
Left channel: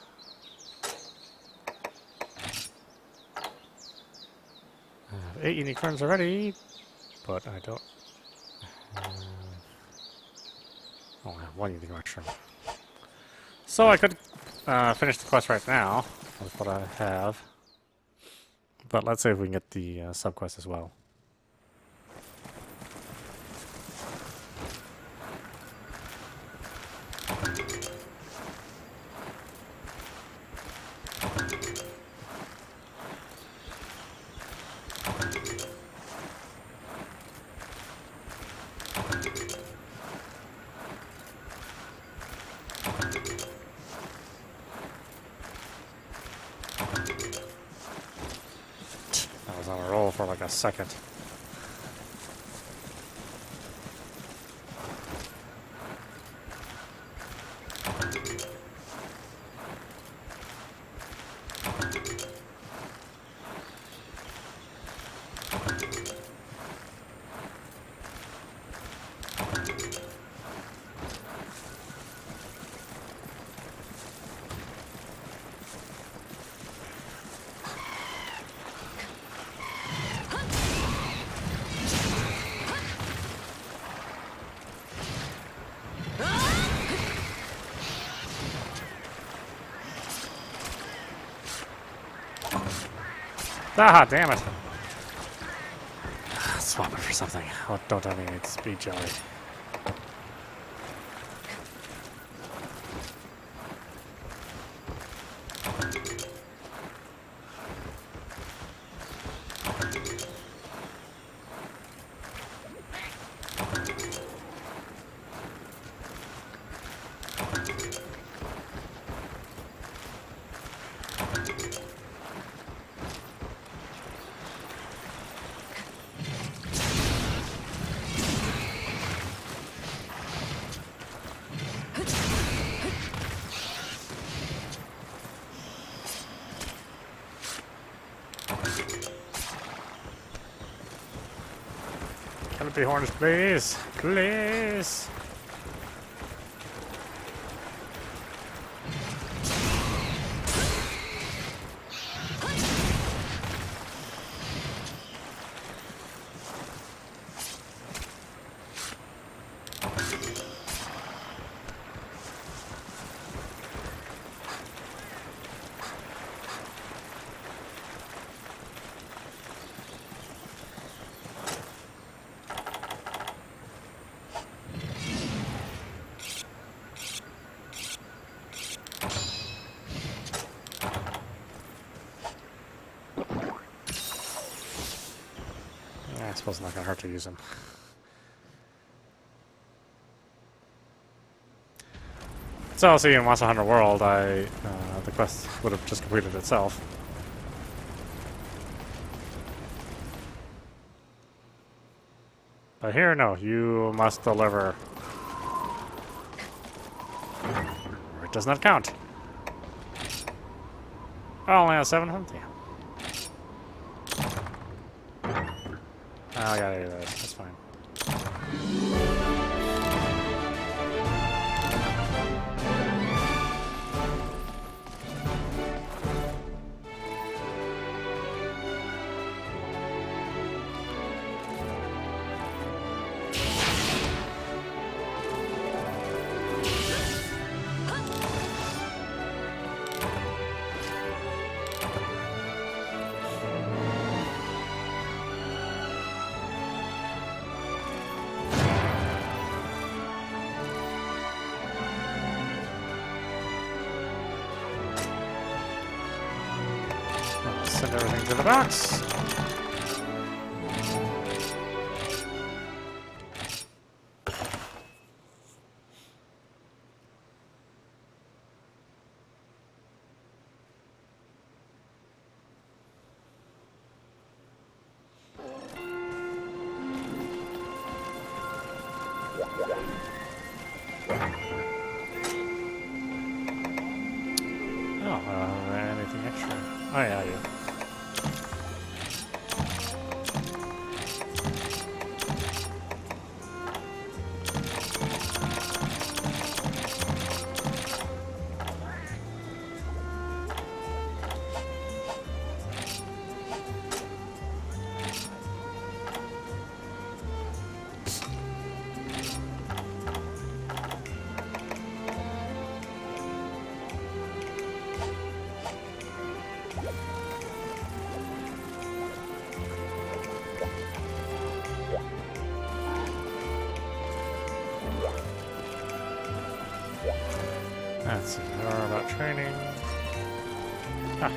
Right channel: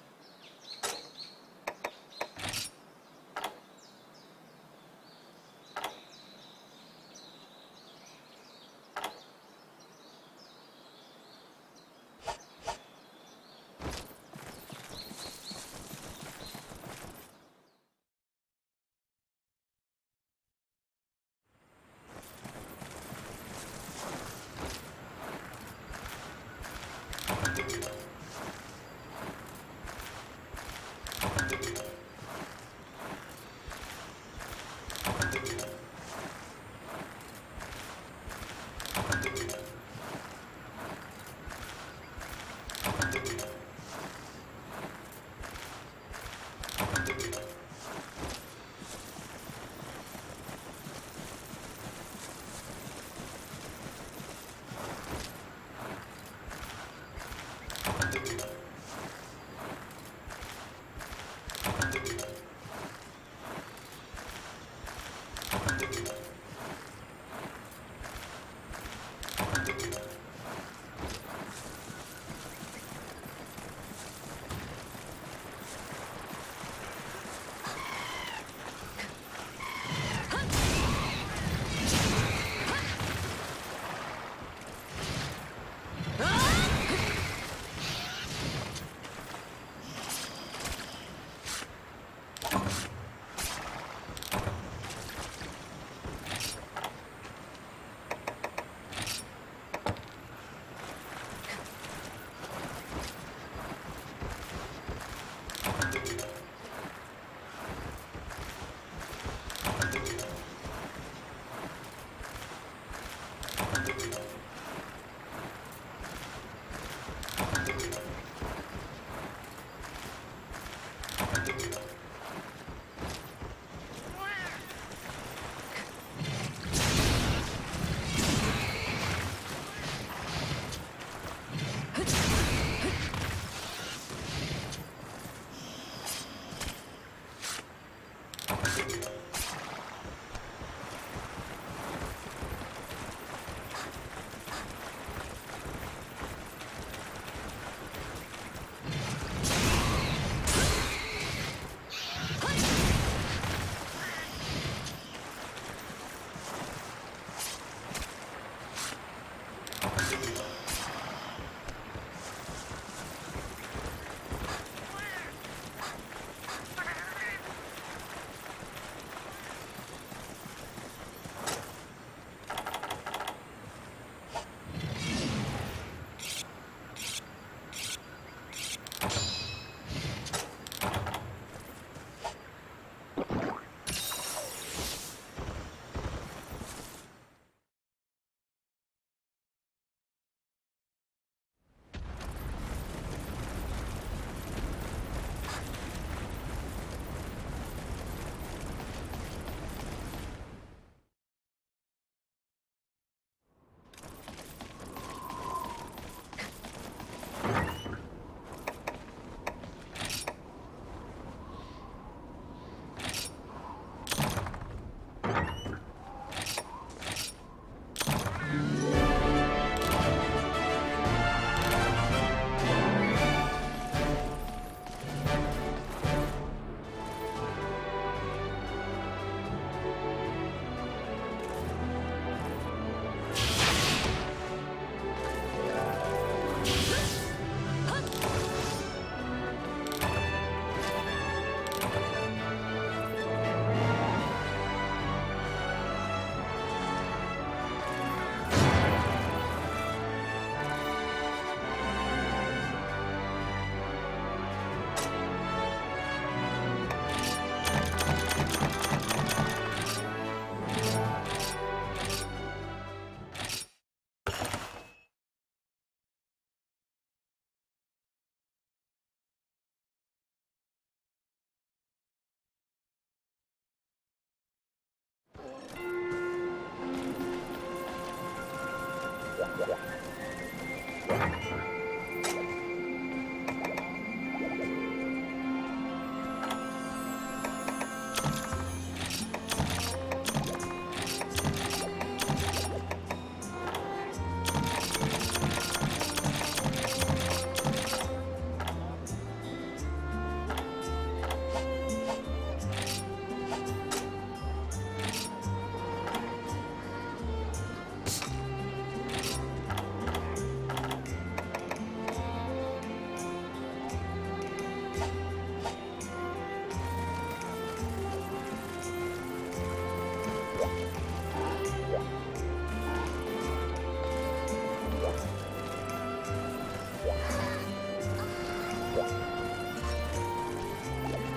I have 8 unique ferns already, but I don't. Oh, I have 1 unique mushroom. So I could finish the quest right now. That's what I have. But let's see if we can get the sub-quest as well. For like a second. Ah, damn it. Swap it for something. What don't I need? Speed jelly. Horns, please. Please. It's not gonna hurt to use them. So, see, in Monster Hunter World, the quest would have just completed itself. But here, no, you must deliver. It does not count. Oh, only has 700? Yeah. I gotta do that. That's fine. Box. Anything extra? Oh yeah, yeah.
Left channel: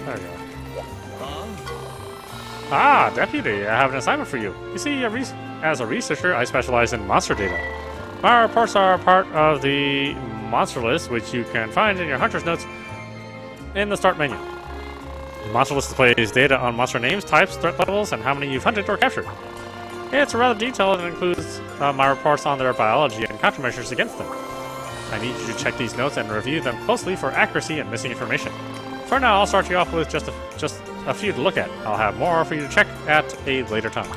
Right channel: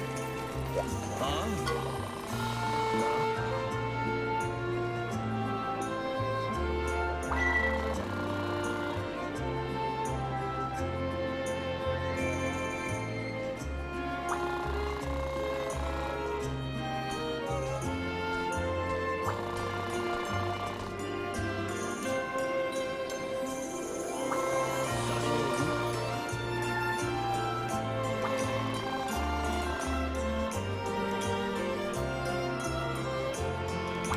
There we go. Ah, deputy, I have an assignment for you. You see, as a researcher, I specialize in monster data. My reports are part of the monster list, which you can find in your hunter's notes in the start menu. The monster list displays data on monster names, types, threat levels, and how many you've hunted or captured. It's rather detailed and includes my reports on their biology and countermeasures against them. I need you to check these notes and review them closely for accuracy and missing information. For now, I'll start you off with just a few to look at. I'll have more for you to check at a later time.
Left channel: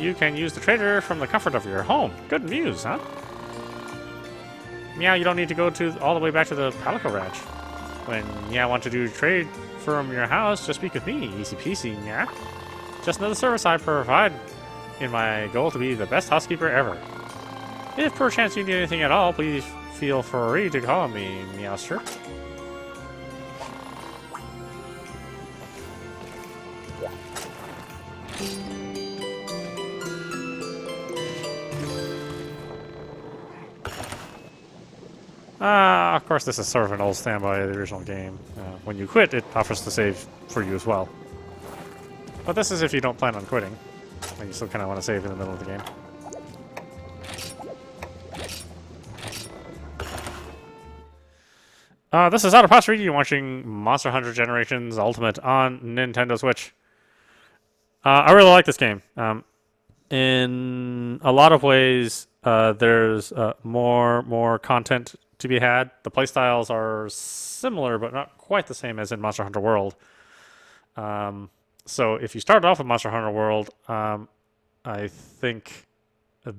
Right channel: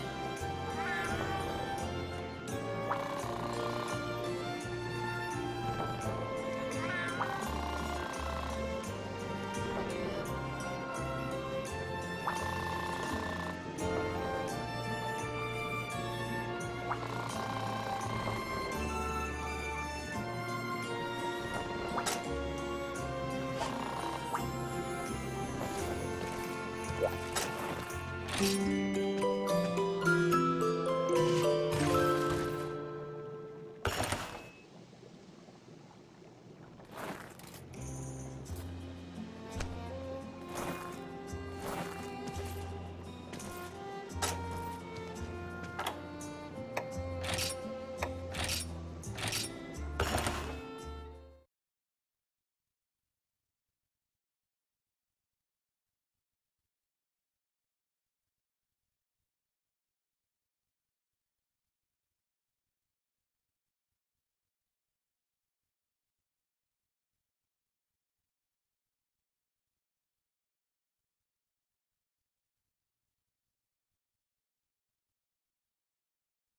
You can use the trader from the comfort of your home. Good news, huh? Meow, you don't need to go all the way back to the Pelican Ranch. When Meow wants to do trade from your house, just speak with me. Easy peasy, Meow. Just know the service I provide in my goal to be the best housekeeper ever. If perchance you need anything at all, please feel free to call me, Meowster. Of course, this is sort of an old standby of the original game. When you quit, it offers to save for you as well. But this is if you don't plan on quitting. And you still kind of want to save in the middle of the game. This is audap. You're watching Monster Hunter Generations Ultimate on Nintendo Switch. I really like this game. In a lot of ways, there's more content to be had. The playstyles are similar, but not quite the same as in Monster Hunter World. So if you started off with Monster Hunter World, I think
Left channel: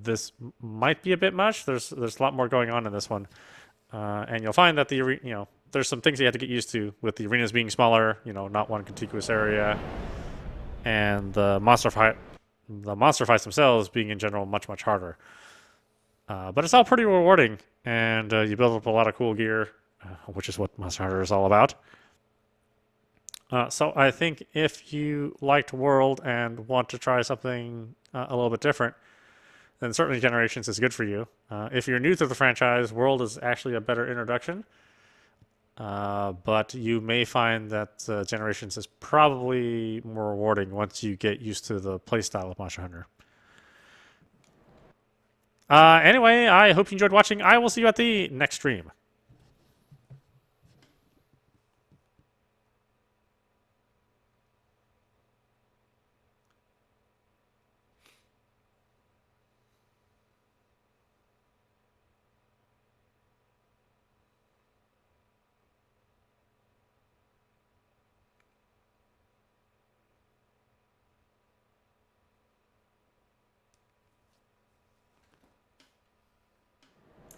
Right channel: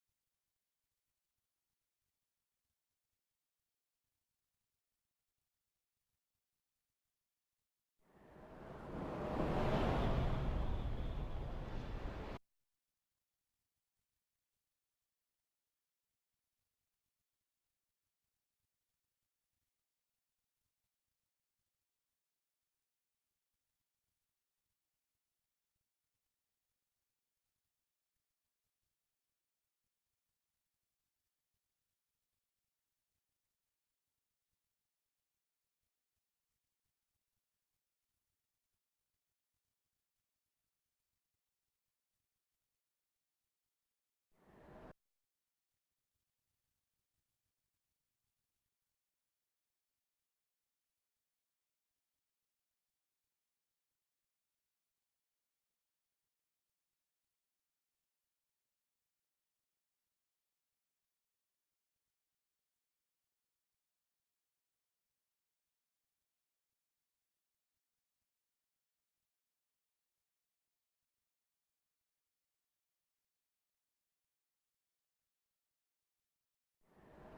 this might be a bit much. There's a lot more going on in this one, and you'll find that there's some things you have to get used to with the arenas being smaller. Not one contiguous area, and the monster fights themselves being in general much harder. But it's all pretty rewarding, and you build up a lot of cool gear, which is what Monster Hunter is all about. So I think if you liked World and want to try something a little bit different, then certainly Generations is good for you. If you're new to the franchise, World is actually a better introduction. But you may find that Generations is probably more rewarding once you get used to the playstyle of Monster Hunter. Anyway, I hope you enjoyed watching. I will see you at the next stream.